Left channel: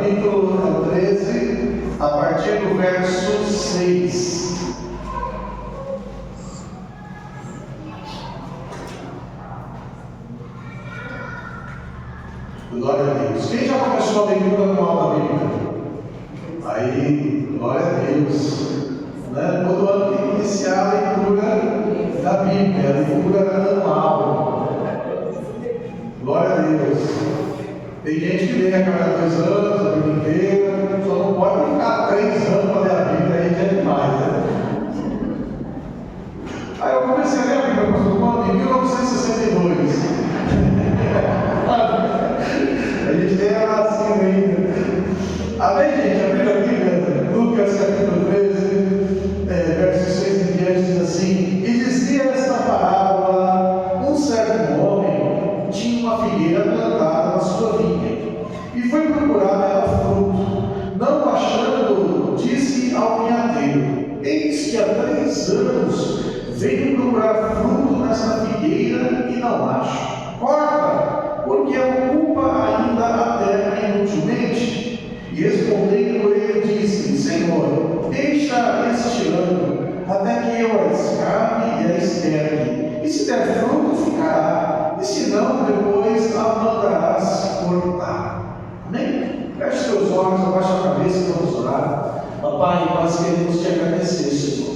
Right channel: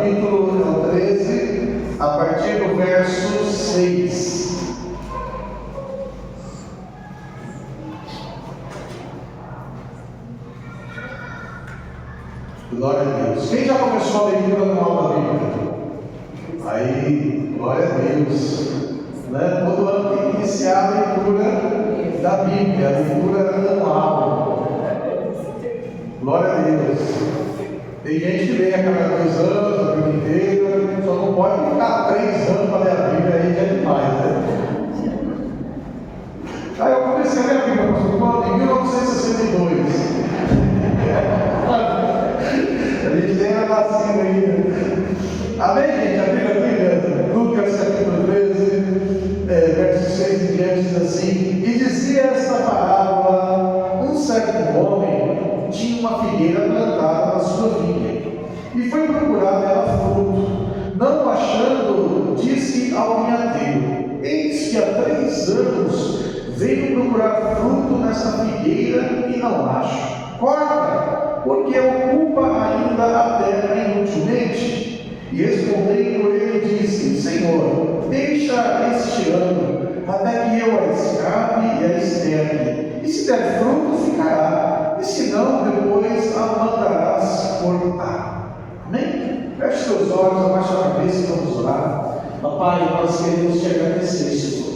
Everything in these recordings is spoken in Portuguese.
capítulo 13, a partir do verso 6. Glória a Deus. Quem já começou a leitura anual da Bíblia? Aí, glória a Deus. Né? Todo ano tem que iniciar a leitura da Bíblia, a leitura anual. Glória a Deus. Tem gente que vem a cada 2 anos, a Bíblia inteira, só não pode ficar 3 anos para ler a Bíblia, aí já é demais, né? Aí eu comecei a ler a Bíblia em 1962. A gente tem a vacina ainda. Amém, gente? A Bíblia, Lucas capítulo 13, versos 6 em diante, diz assim: e dizia esta parábola: um certo homem tinha uma figueira plantada na sua vinha, e foi procurar nela fruto. Não achando, disse ao vinhadeiro: eis que há 3 anos venho procurar fruto nessa figueira e não acho. Corta, porque ocupa ainda a terra inutilmente. E respondendo ele, disse: Senhor, deixa este ano, até que eu a escape e a esterque. E se der fruto, ficará, e se não, depois a mandarás cortar. Amém? Feche seus olhos, abaixa a cabeça e vamos orar. Pai, nós queremos te agradecer, Senhor.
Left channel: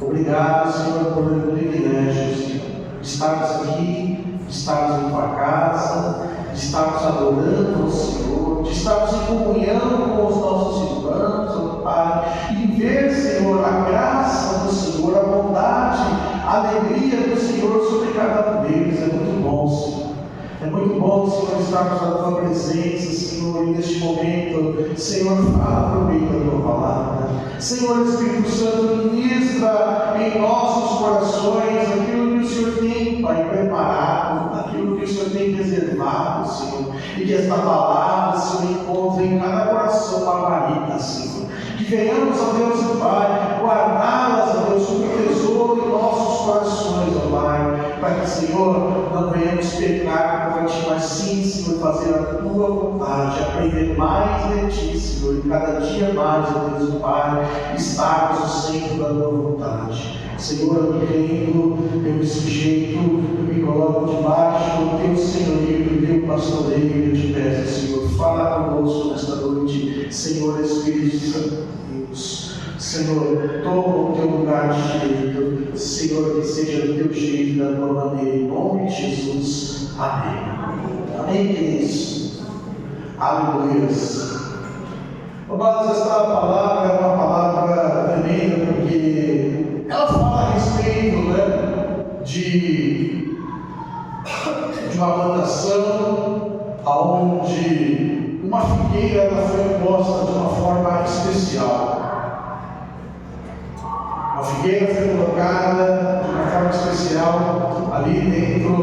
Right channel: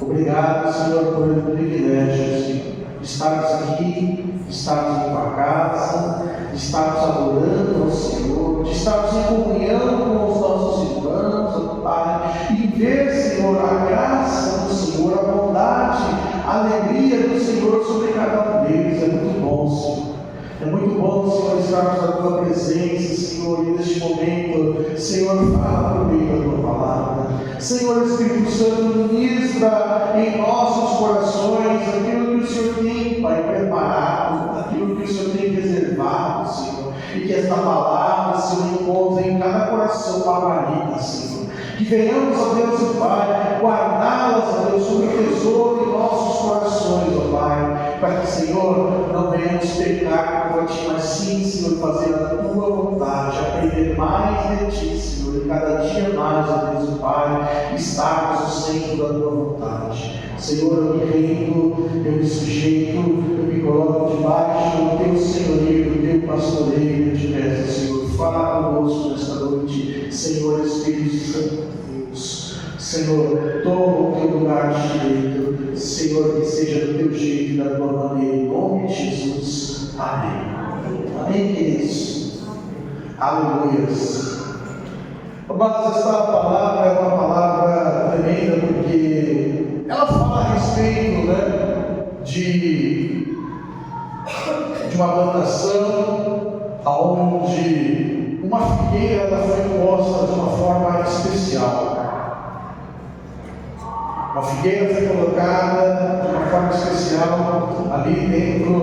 Obrigado, Senhor, por o privilégio, Senhor, de estarmos aqui, de estarmos em tua casa, de estarmos adorando ao Senhor, de estarmos em comunhão com os nossos irmãos, ó Pai, e ver, Senhor, a graça do Senhor, a bondade, a alegria do Senhor sobre cada um deles. É muito bom, Senhor. É muito bom, Senhor, estarmos na tua presença, Senhor, e neste momento, Senhor, fala por meio da tua palavra. Senhor, Espírito Santo, ministra em nossos corações aquilo que o Senhor tem, Pai, preparado, aquilo que o Senhor tem reservado, Senhor, e que esta palavra, Senhor, encontre em cada coração favorita, Senhor. Que venhamos, ó Deus e Pai, guardá-las, ó Deus, como tesouro em nossos corações, ó Pai, para que, Senhor, não venhamos pecar contra ti, mas sim, Senhor, fazer a tua vontade, aprender mais de ti, Senhor, e cada dia mais, ó Deus e Pai, estarmos no centro da tua vontade. Senhor, eu me rendo, eu me sujeito, eu me coloco debaixo do teu senhorio, do teu pastoreio, eu te peço, Senhor, fala conosco nesta noite, Senhor Espírito Santo de Deus. Senhor, toma o teu lugar direito, Senhor, que seja do teu jeito, da tua maneira, em nome de Jesus. Amém. Amém, queridos. Aleluia. Mas esta palavra é uma palavra tremenda, porque ela fala a respeito, né, de uma plantação onde uma figueira ela foi posta de uma forma especial. Uma figueira foi colocada de uma forma especial ali dentro,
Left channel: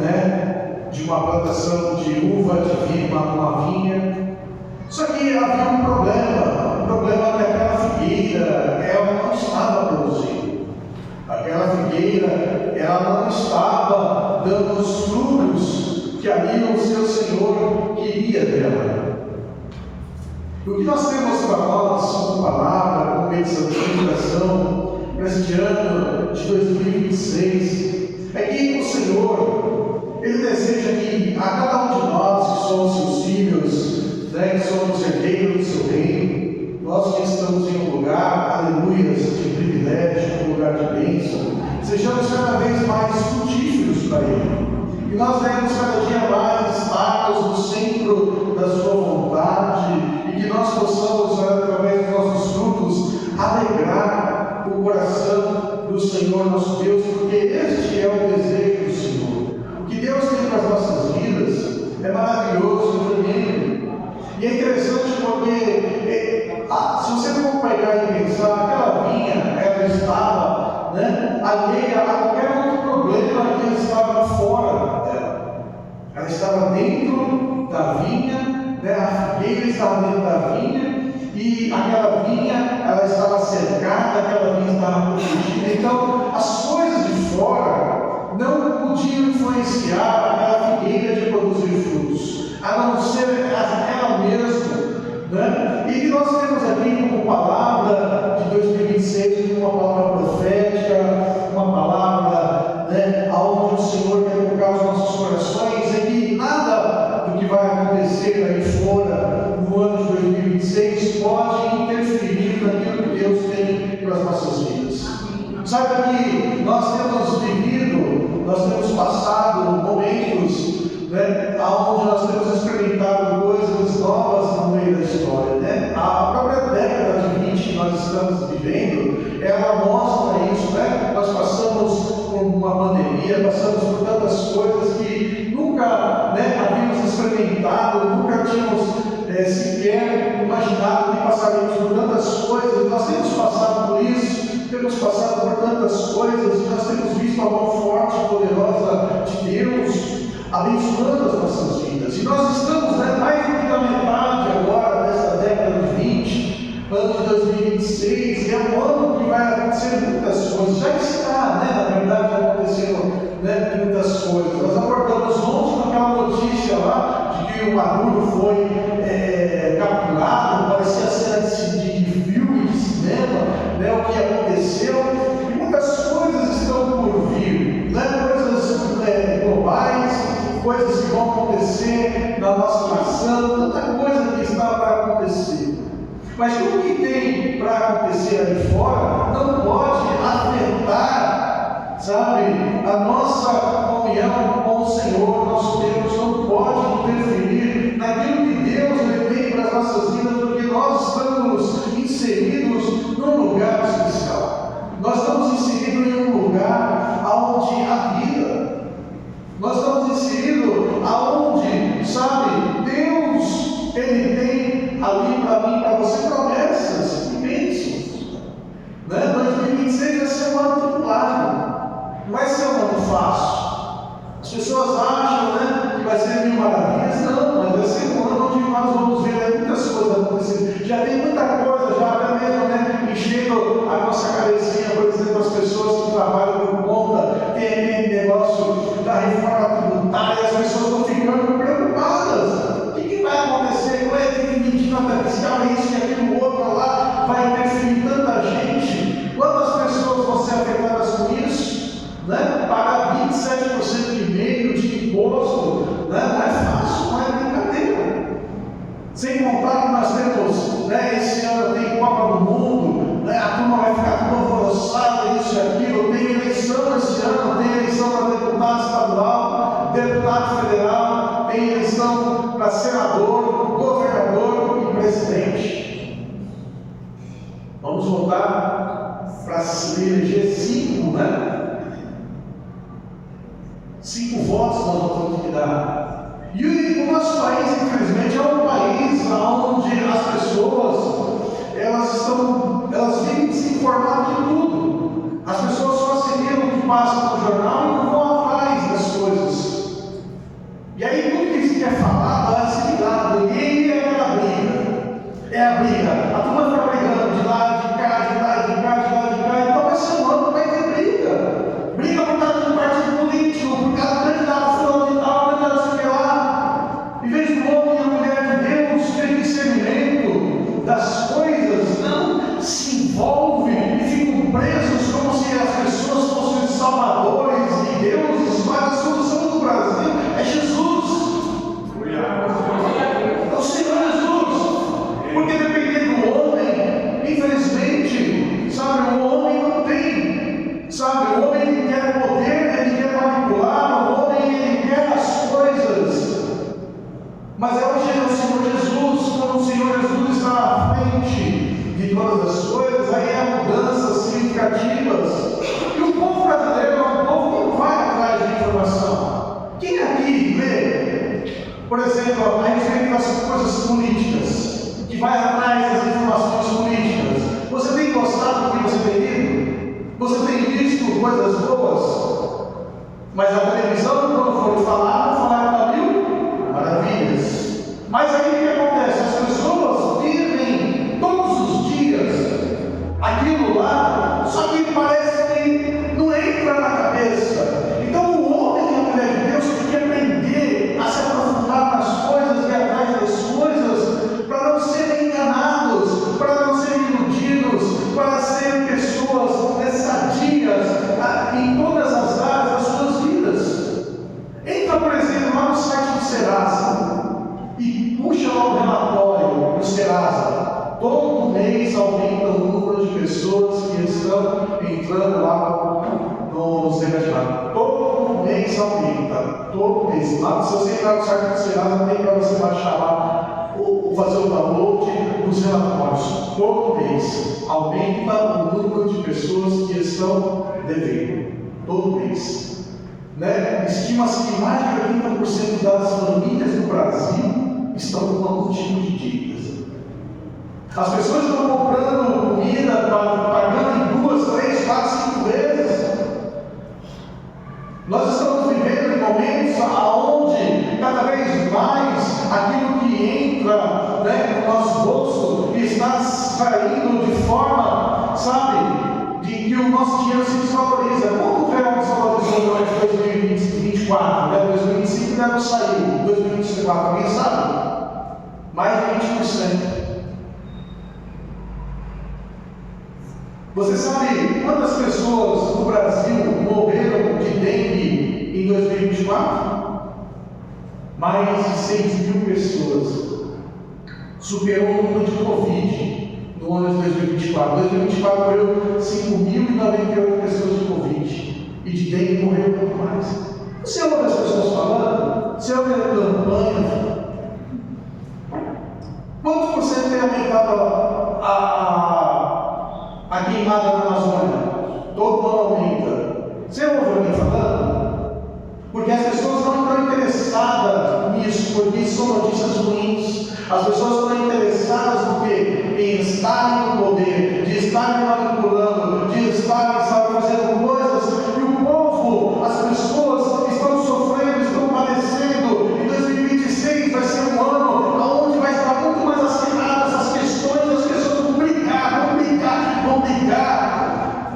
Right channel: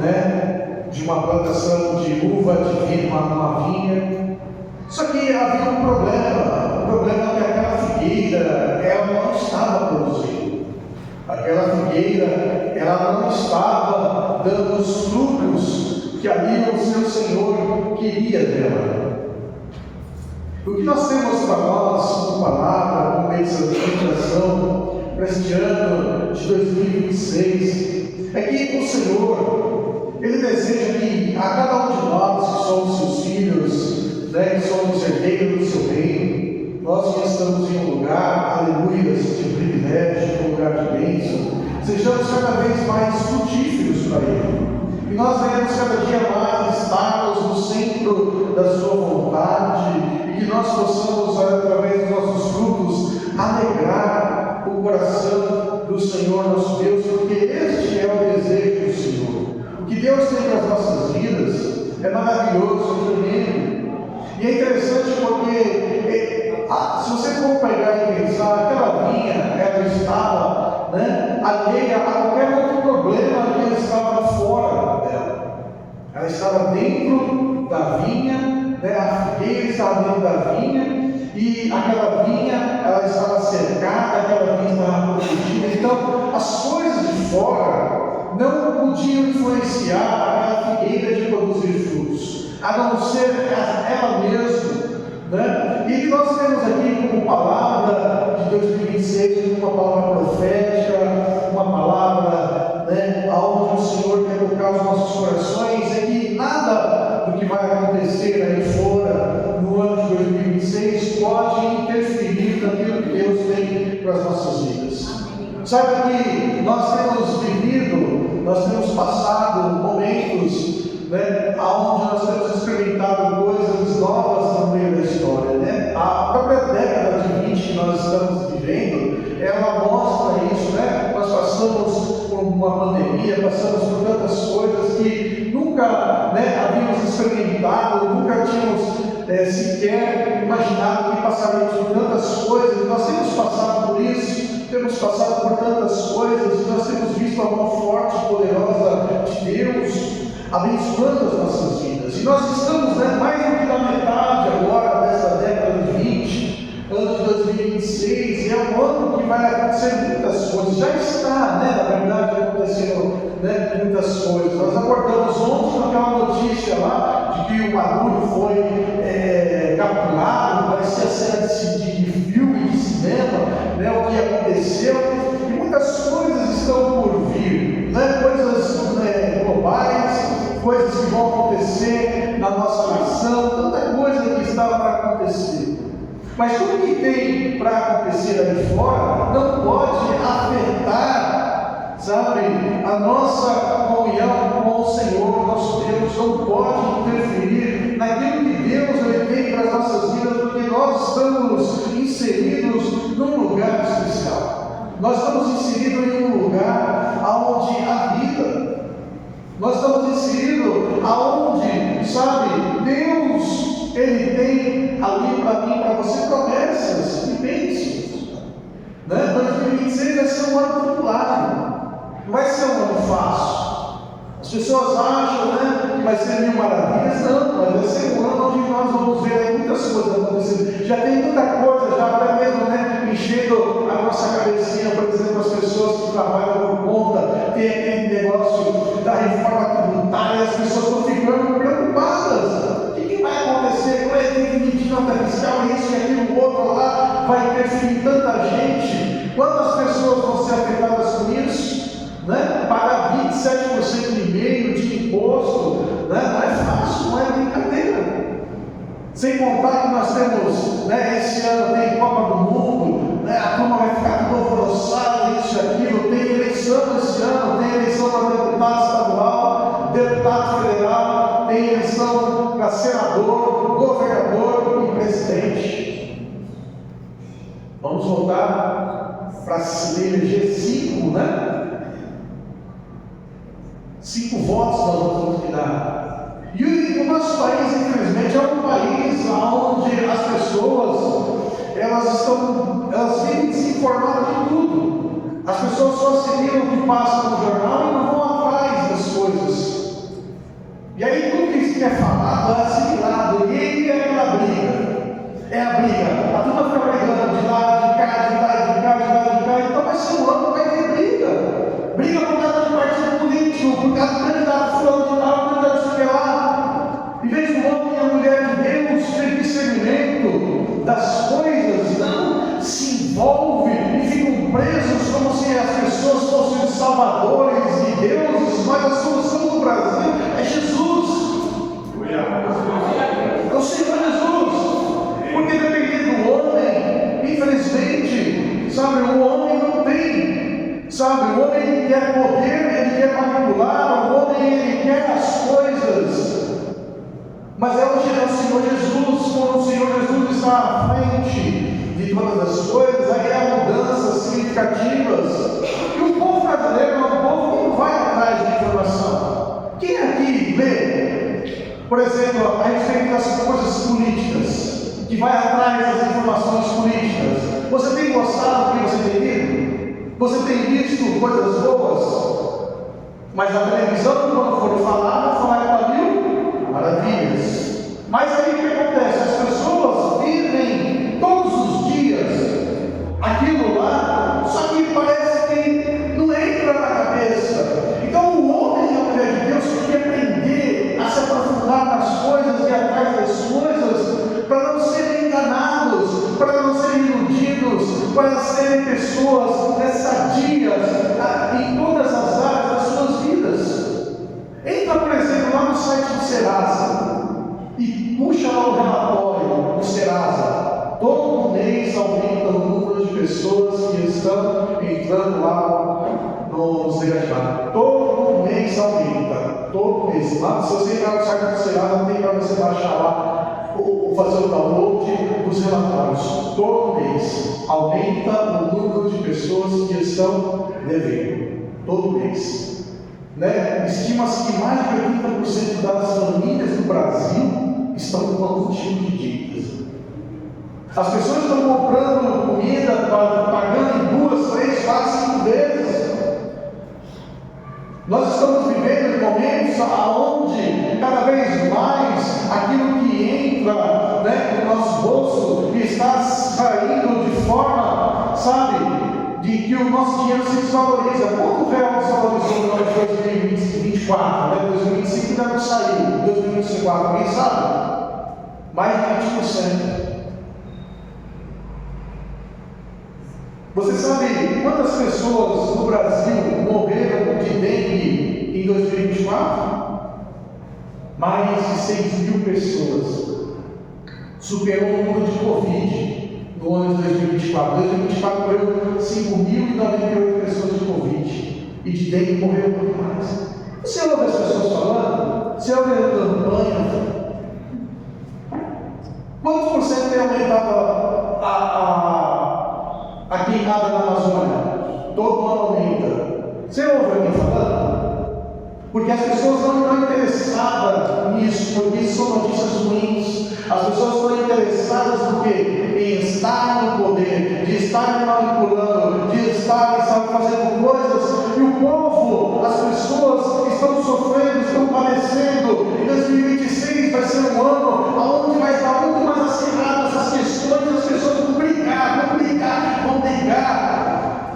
né, de uma plantação de uva, de vinho, uma vinha. Só que havia um problema é que aquela figueira ela não estava produzindo. Aquela figueira ela não estava dando os frutos que ali o seu Senhor queria dela. O que nós temos para nós, como palavra, como meditação, para este ano de 2026, é que o Senhor, Ele deseja que a cada um de nós que somos seus filhos, né, que somos herdeiros do seu reino, nós que estamos em um lugar, aleluias, de privilégio, um lugar de bênção, sejamos cada vez mais frutíferos para Ele. E nós devemos cada dia mais estarmos no centro da sua vontade, e que nós possamos, através dos nossos frutos, alegrar o coração do Senhor nosso Deus, porque este é o desejo do Senhor. O que Deus tem para as nossas vidas é maravilhoso, tremendo. E é interessante porque, se você for pegar e pensar, aquela vinha, ela estava, né, alheia a qualquer outro problema que estava fora dela. Ela estava dentro da vinha, né, a figueira estava dentro da vinha, e aquela vinha, ela estava cercada, aquela vinha estava protegida. Então, as coisas de fora não podiam influenciar aquela figueira de produzir frutos, a não ser ela mesma, né? E que nós temos aqui como palavra de 2026, uma palavra profética, uma palavra, né, onde o Senhor quer tocar os nossos corações, é que nada do que vai acontecer aí fora no ano de 2026 pode interferir naquilo que Deus tem para as nossas vidas. Sabe que nós temos vivido, nós temos passado momentos, né, onde nós temos experimentado coisas novas no meio da história, né? A própria década de 20 que nós estamos vivendo, ela mostra isso, né? Nós passamos por uma pandemia, passamos por tantas coisas que nunca, né, havíamos experimentado, nunca tínhamos sequer imaginado que passaríamos por tantas coisas. Nós temos passado por isso, temos passado por tantas coisas, nós temos visto a mão forte e poderosa de Deus abençoando as nossas vidas. E nós estamos, né, mais do que na metade agora dessa década de 20, ano de 2026, e é um ano que vai acontecer muitas coisas. Já está, né, na verdade, acontecendo, né, muitas coisas. Nós abordamos ontem com aquela notícia lá de que o Maduro foi capturado, parecia cena de filme, de cinema, né, o que aconteceu. E muitas coisas estão por vir, né, coisas globais, coisas que vão acontecer na nossa nação, tanta coisa que está para acontecer. Mas tudo que tem para acontecer aí fora não pode afetar, sabe, a nossa comunhão com o Senhor, nosso Deus, não pode interferir naquilo que Deus ele tem para as nossas vidas, porque nós estamos inseridos num lugar especial. Nós estamos inseridos em um lugar onde há vida. Nós estamos inseridos aonde, sabe, Deus, Ele tem ali para mim, para você, promessas e bênçãos, né? 2026 vai ser um ano tribulado, não vai ser um ano fácil. As pessoas acham, né, que vai ser mil maravilhas, não, mas vai ser um ano onde nós vamos ver aí muitas coisas acontecendo. Já tem muita coisa, já até mesmo, né, enchendo a nossa cabecinha, por exemplo, as pessoas que trabalham por conta, tem aquele negócio da reforma tributária, as pessoas estão ficando preocupadas. O que vai acontecer? Como é que tem que emitir nota fiscal, isso e aquilo, outro lá, vai interferir tanta gente? Quantas pessoas vão ser afetadas com isso? Né? Pagar 27% e meio de imposto, né? Não é fácil, não é brincadeira. Sem contar que nós temos, né, esse ano tem Copa do Mundo, né, a turma vai ficar toda alvoroçada, isso e aquilo, tem eleição esse ano, tem eleição para deputado estadual, deputado federal, tem eleição para senador, governador e presidente. Vamos voltar para se eleger 5, né? 5 votos nós vamos ter que dar. E o nosso país, infelizmente, é um país onde as pessoas elas vivem desinformadas de tudo. As pessoas só se lêem o que passa no jornal e não vão atrás das coisas. E aí tudo que se quer falar vai assimilado. E é aquela briga. É a briga. A turma fica brigando de lá, de cá, de lá, de cá, de lá, de cá. Então vai ser um ano que vai ter briga. Briga por causa de partido político, por causa do candidato fulano de tal, candidato sei lá. Em vez do homem e a mulher de Deus ter discernimento das coisas, não se envolve e ficam presos como se as pessoas fossem salvadores e deuses, mas a solução do Brasil é Jesus. É o Senhor Jesus. Porque dependendo do homem, infelizmente, sabe, o homem não tem, sabe, o homem ele quer poder, ele quer manipular, o homem ele quer as coisas. Mas é o Senhor Jesus, quando o Senhor Jesus está à frente de todas as coisas, aí há mudanças significativas. E o povo brasileiro é um povo que não vai atrás de informação. Quem aqui lê, por exemplo, a respeito das coisas políticas, que vai atrás das informações políticas? Você tem gostado do que você tem lido? Você tem visto coisas boas? Mas a televisão, quando for falar, não fala de mil maravilhas. Mas aí o que acontece? As pessoas vivem todos os dias aquilo lá, só que parece que não entra na cabeça. Então o homem e a mulher de Deus tem que aprender a se aprofundar nas coisas e atrás das coisas, para não serem todo mês aumenta o número de pessoas que estão devendo. Todo mês. Né? Estima-se que mais de 80% das famílias do Brasil estão com algum tipo de dívidas. As pessoas estão comprando comida, pagando em 2, 3, 4, 5 vezes. Nós estamos vivendo momentos onde cada vez mais aquilo que entra, né, no nosso bolso está saindo de forma, sabe, de que o nosso dinheiro se desvaloriza. Quanto real desvalorizou no 2024? Né? 2025 deve sair, 2024, alguém sabe? Mais de 20%. Você sabe quantas pessoas no Brasil morreram de dengue em 2024? Mais de 6 mil pessoas. Superou o número de Covid no ano de 2024. 2024 morreu 5.098 pessoas de Covid. E de dengue morreu muito mais. Você ouve as pessoas falando? Você ouve a campanha? Quantos por cento tem aumentado a queimada na Amazônia? Todo ano aumenta. Você ouve alguém falando? Porque as pessoas não estão interessadas nisso, porque isso são notícias ruins. As pessoas estão interessadas no quê? Em estarem no poder, de estarem manipulando, de estarem, sabe, fazendo coisas. E o povo, as pessoas estão sofrendo, estão padecendo. Em 2026 vai ser um ano onde vai estar muito mais acirrado essas questões. As pessoas vão brigar.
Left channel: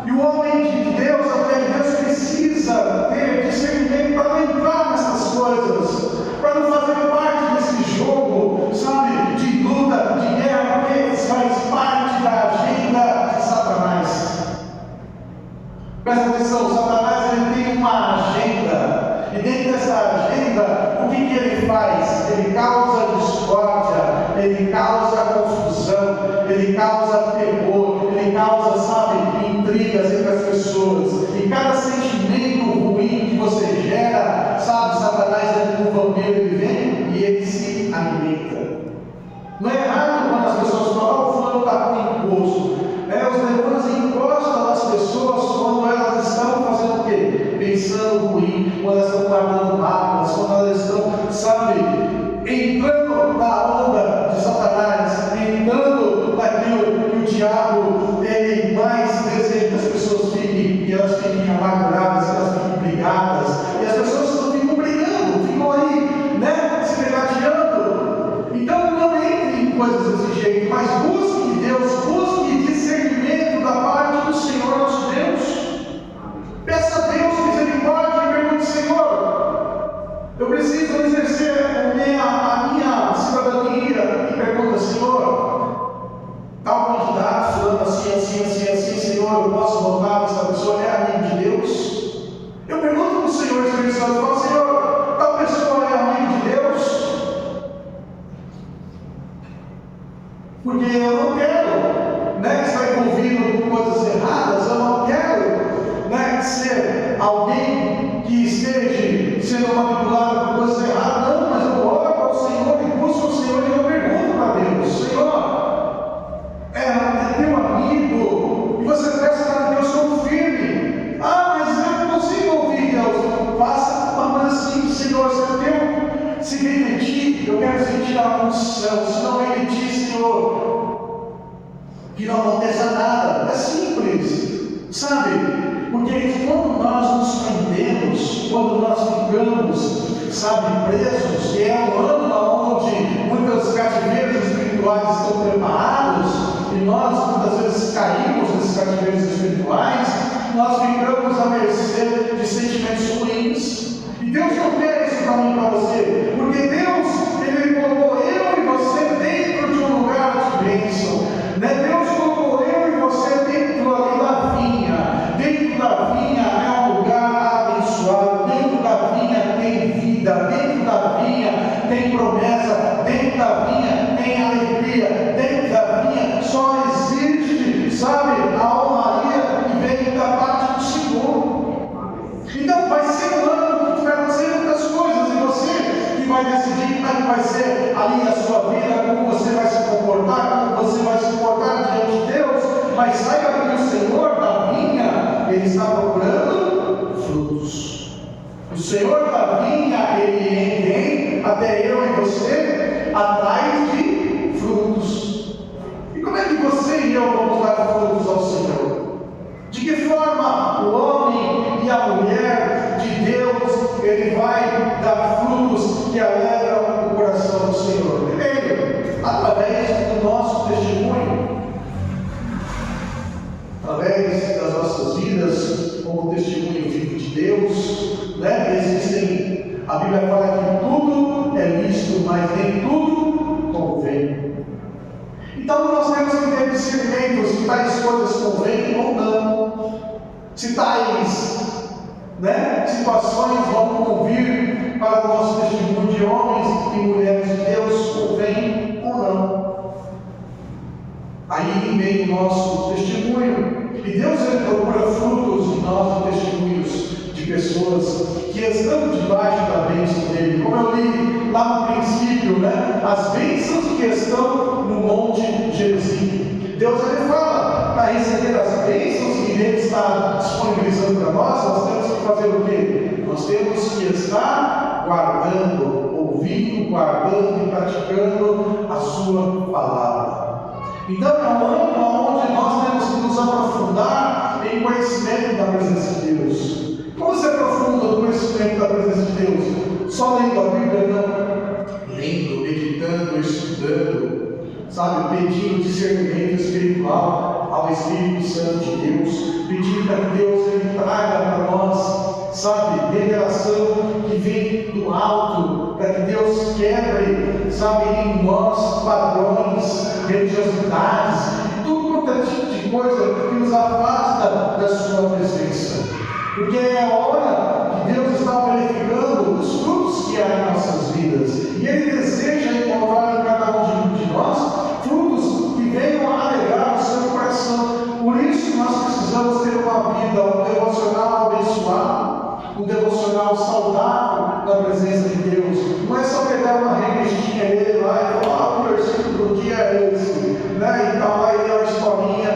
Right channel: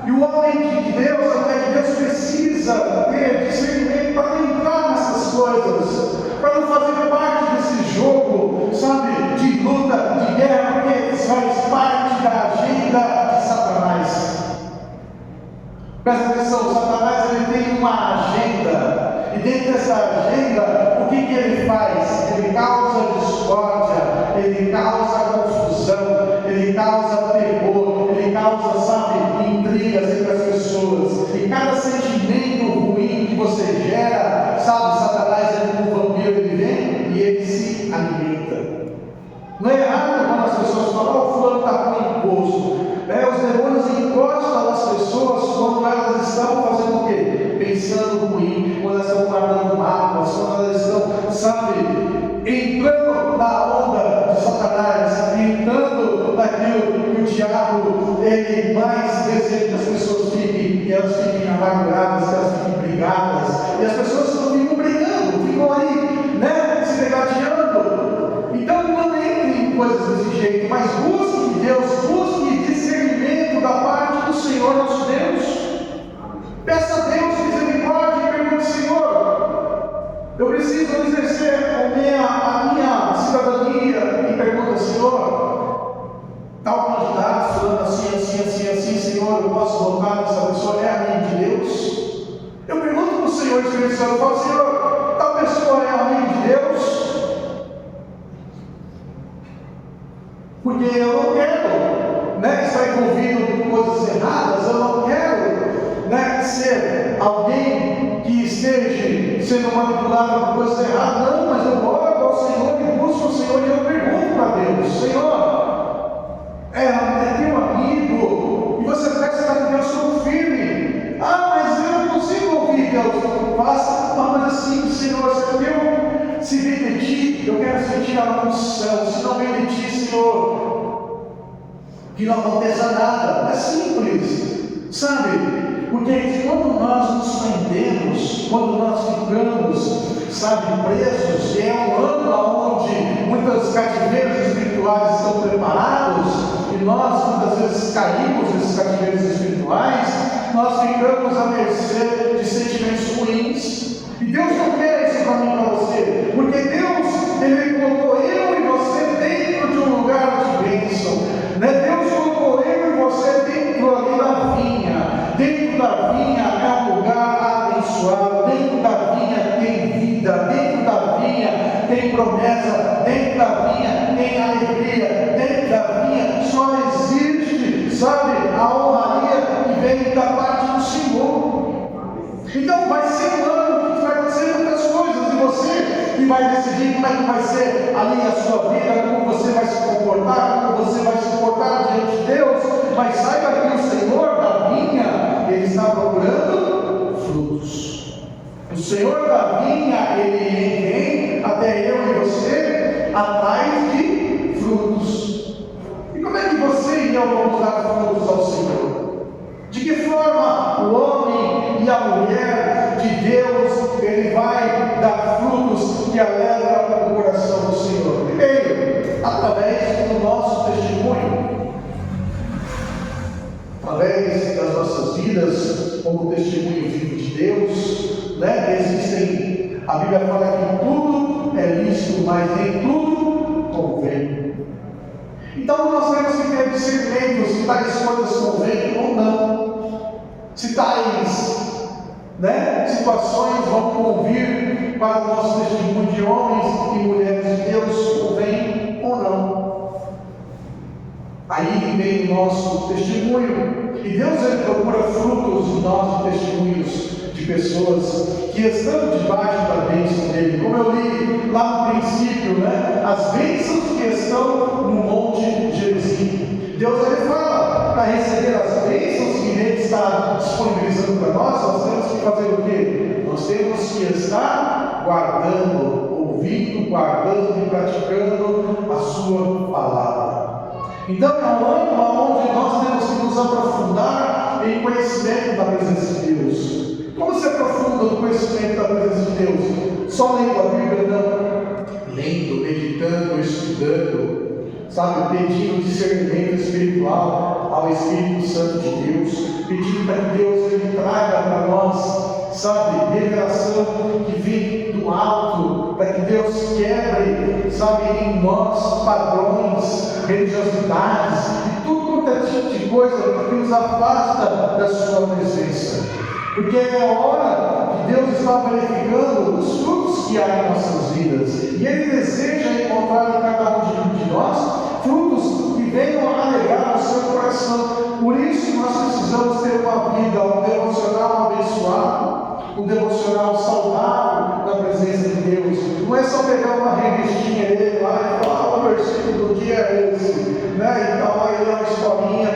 E o homem de Deus, a mulher de Deus, precisa ter discernimento para não entrar nessas coisas, para não fazer parte desse jogo, sabe, de luta, de guerra, porque faz parte da agenda de Satanás. Presta atenção, Satanás ele tem uma agenda, e dentro dessa agenda, o que ele faz? Ele causa discórdia, ele causa confusão, ele causa terror, ele causa, sabe, intrigas entre as pessoas. E cada sentimento ruim que você gera, sabe, Satanás é como um vampiro, ele vem e ele se alimenta. Não é errado quando as pessoas falam, o fulano está com imposto. Os demônios encostam nas pessoas quando elas estão fazendo o quê? Pensando ruim, quando elas estão guardando mágoas, quando elas estão, sabe, entrando na onda de Satanás, entrando naquilo que o diabo ele mais deseja que as pessoas fiquem, que elas fiquem amarguradas, que elas fiquem brigadas, e as pessoas não ficam brigando, ficam aí, né, se degladiando. Então não entre em coisas desse jeito, mas busque Deus, busque discernimento da parte do Senhor nosso Deus. Peça a Deus misericórdia e pergunte: Senhor, eu preciso exercer a minha cidadania. E pergunta: Senhor, tal candidato, falando assim, Senhor, eu posso votar nessa pessoa? É amigo de Deus? Eu pergunto para o Senhor Espírito Santo, eu falo: Senhor, tal pessoa é amigo de Deus? Porque eu não quero, né, estar envolvido com coisas erradas, eu não quero, né, ser alguém que esteja sendo manipulado por coisas erradas. Não, mas eu oro ao Senhor e busco o Senhor e eu pergunto para Deus: Senhor, é teu amigo, e você parece estar com Deus tão firme. Mas eu não consigo ouvir Deus. Faça uma coisa assim: Senhor, se vem de ti, eu quero sentir a unção. Se não vem de ti, Senhor, que não aconteça nada. É simples, sabe? Porque quando nós nos prendemos, quando nós ficamos, sabe, presos, que é um ano onde muitos cativeiros espirituais estão preparados, e nós muitas vezes caímos nesses cativeiros espirituais, nós ficamos à mercê de sentimentos ruins. E Deus não quer isso para mim e para você, porque Deus, Ele colocou eu e você dentro de um lugar de bênção, né? Deus colocou eu e você dentro ali da vinha. Dentro da vinha é um lugar abençoado, dentro da vinha tem vida, dentro da vinha tem promessa, dentro da vinha tem alegria, dentro da vinha só existe, sabe, a honraria que vem da parte do Senhor. Então vai ser um ano que vai acontecer muitas coisas, e você que vai decidir como é que vai ser ali a sua vida, como você vai se comportar, como você vai se comportar Senhor da vinha, Ele vem até eu e você atrás de frutos. E como é que você e eu vamos dar frutos ao Senhor? De que forma o homem e a mulher de Deus, ele vai dar frutos que alegram o coração do Senhor? Primeiro, através do nosso testemunho, através das nossas vidas, como testemunho vivo de Deus, né? Existem, a Bíblia fala que tudo é lícito, mas nem tudo convém. Então nós temos que ter discernimento se tais coisas convêm ou não, se tais, né, situações vão convir para o nosso testemunho de homens e mulheres de Deus, convém ou não. Aí vem o nosso testemunho, e Deus ele procura frutos em nós de testemunhos de pessoas que estão debaixo da bênção dele. Como eu li lá no princípio, né, as bênçãos que estão no Monte Gerizim. Deus ele fala, para receber as bênçãos que ele está disponibilizando para nós temos que fazer o quê? Nós temos que estar guardando, ouvindo, guardando e praticando a sua palavra. Então é um âmbito onde nós temos que nos aprofundar em conhecimento da presença de Deus. Como se aprofunda no conhecimento da presença de Deus? Só lendo a Bíblia? Não. Lendo, meditando, estudando, sabe? Pedindo discernimento espiritual ao Espírito Santo de Deus, pedindo para que Deus ele traga para nós, sabe? Revelação que vem do alto, para que Deus quebre, sabe? Em nós padrões, religiosidades e tudo quanto é tipo de coisa que nos afasta da sua presença. Porque é a hora que Deus está verificando os frutos que há em nossas vidas. E Ele deseja encontrar em cada um de nós frutos que venham a alegrar o seu coração. Por isso nós precisamos ter uma vida, um devocional abençoado, um devocional saudável na presença de Deus. Não é só pegar uma revistinha dele lá e falar, o versículo do dia é esse, né? Então aí é uma historinha,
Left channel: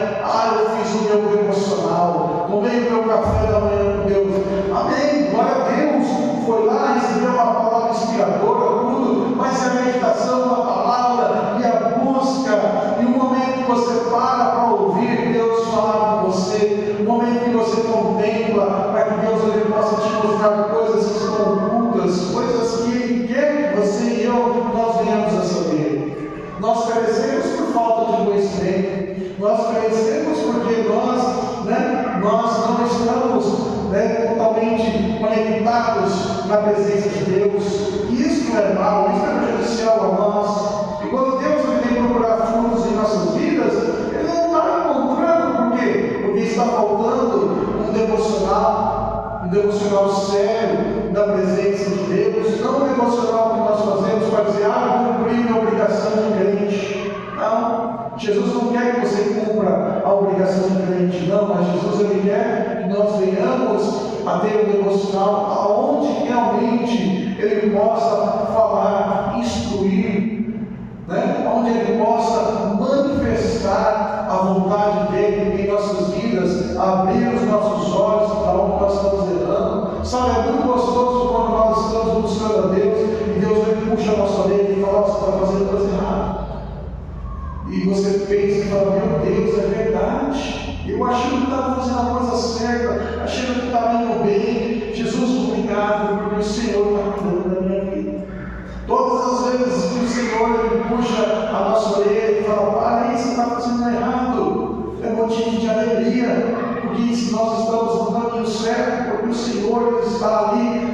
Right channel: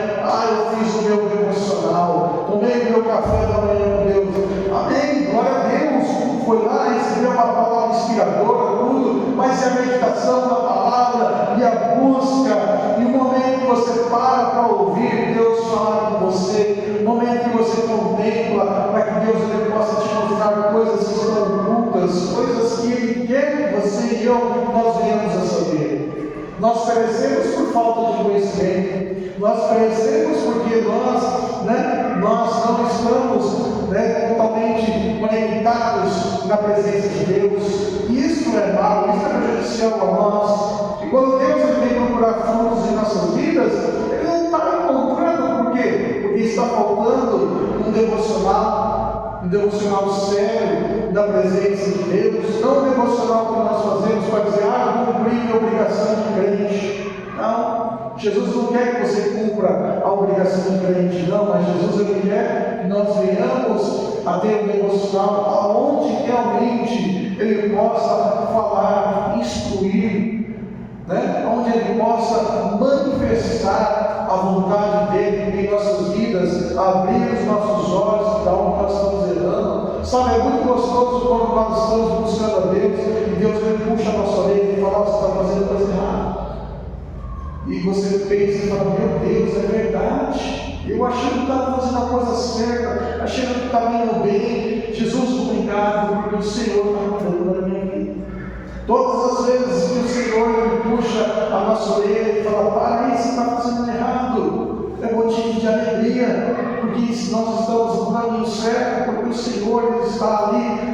eu fiz o meu devocional, tomei o meu café da manhã com Deus. Amém, glória a Deus. Foi lá, recebeu uma palavra inspiradora, tudo, mas é a meditação da palavra e a busca, e o momento que você para ouvir Deus falar com você, o momento que você contempla, para que Deus ele possa te mostrar coisas que estão ocultas, coisas que Ele quer que você e eu nós venhamos a saber. Nós perecemos por falta de conhecimento, nós perecemos porque nós não estamos totalmente conectados na presença de Deus. Isso é mal, isso é prejudicial a nós. E quando Deus ele vem procurar frutos em nossas vidas, Ele não está encontrando, por quê? Porque está faltando um devocional sério da presença de Deus, não um devocional que nós fazemos para dizer, cumpri minha obrigação de crente. Não, Jesus não quer que você cumpra a obrigação de crente, não, mas Jesus ele quer que nós venhamos a ter um devocional aonde realmente Ele possa falar, instruir, onde Ele possa manifestar a vontade dEle em nossas vidas, abrir os nossos olhos para onde nós estamos errando. Sabe, é muito gostoso quando nós estamos buscando a Deus e Deus ele puxa a nossa orelha e fala, você está fazendo coisa errada. E você pensa e fala, meu Deus, é verdade. Eu achei que estava fazendo a coisa certa, achei que estava indo bem. Jesus, obrigado, porque o Senhor está cuidando da minha vida. Todas as vezes que o Senhor ele puxa a nossa orelha e fala, para aí, você está fazendo errado, é motivo de alegria, porque nós estamos no caminho certo, porque o Senhor está ali,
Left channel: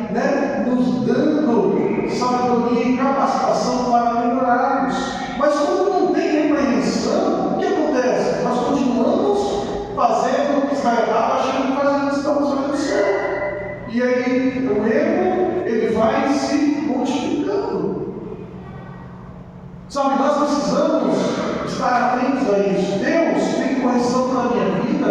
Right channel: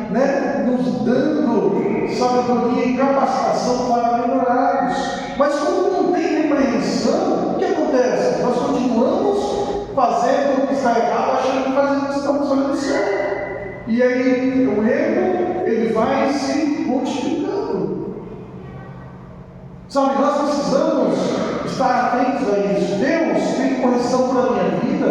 nos dando sabedoria e capacitação para melhorarmos. Mas quando não tem repreensão, o que acontece? Nós continuamos fazendo o que está errado, achando que estamos fazendo certo. E aí o erro ele vai se multiplicando. Sabe, nós precisamos estar atentos a isso. Deus tem correção para a minha vida.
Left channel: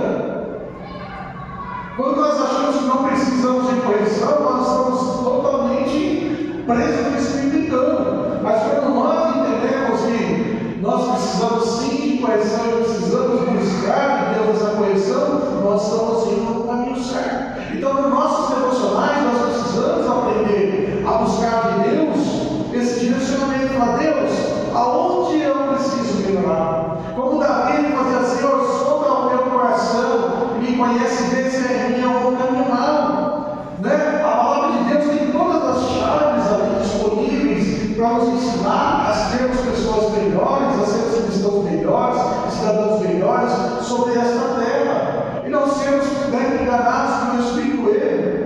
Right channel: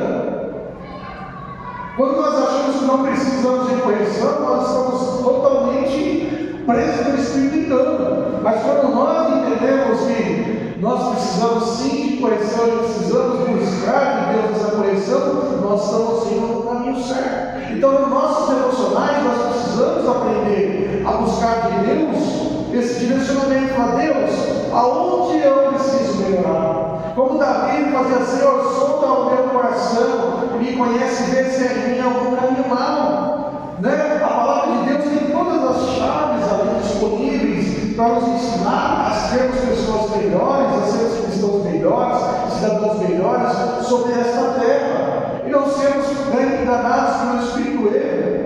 Quando nós achamos que não precisamos de correção, nós estamos totalmente presos no Espírito engano. Mas quando nós entendemos que nós precisamos sim de correção e precisamos buscar de Deus essa correção, nós estamos indo no caminho certo. Então, nos nossos devocionais, nós precisamos aprender trabalhos sobre esta terra, e não sermos enganados pelo Espírito erro.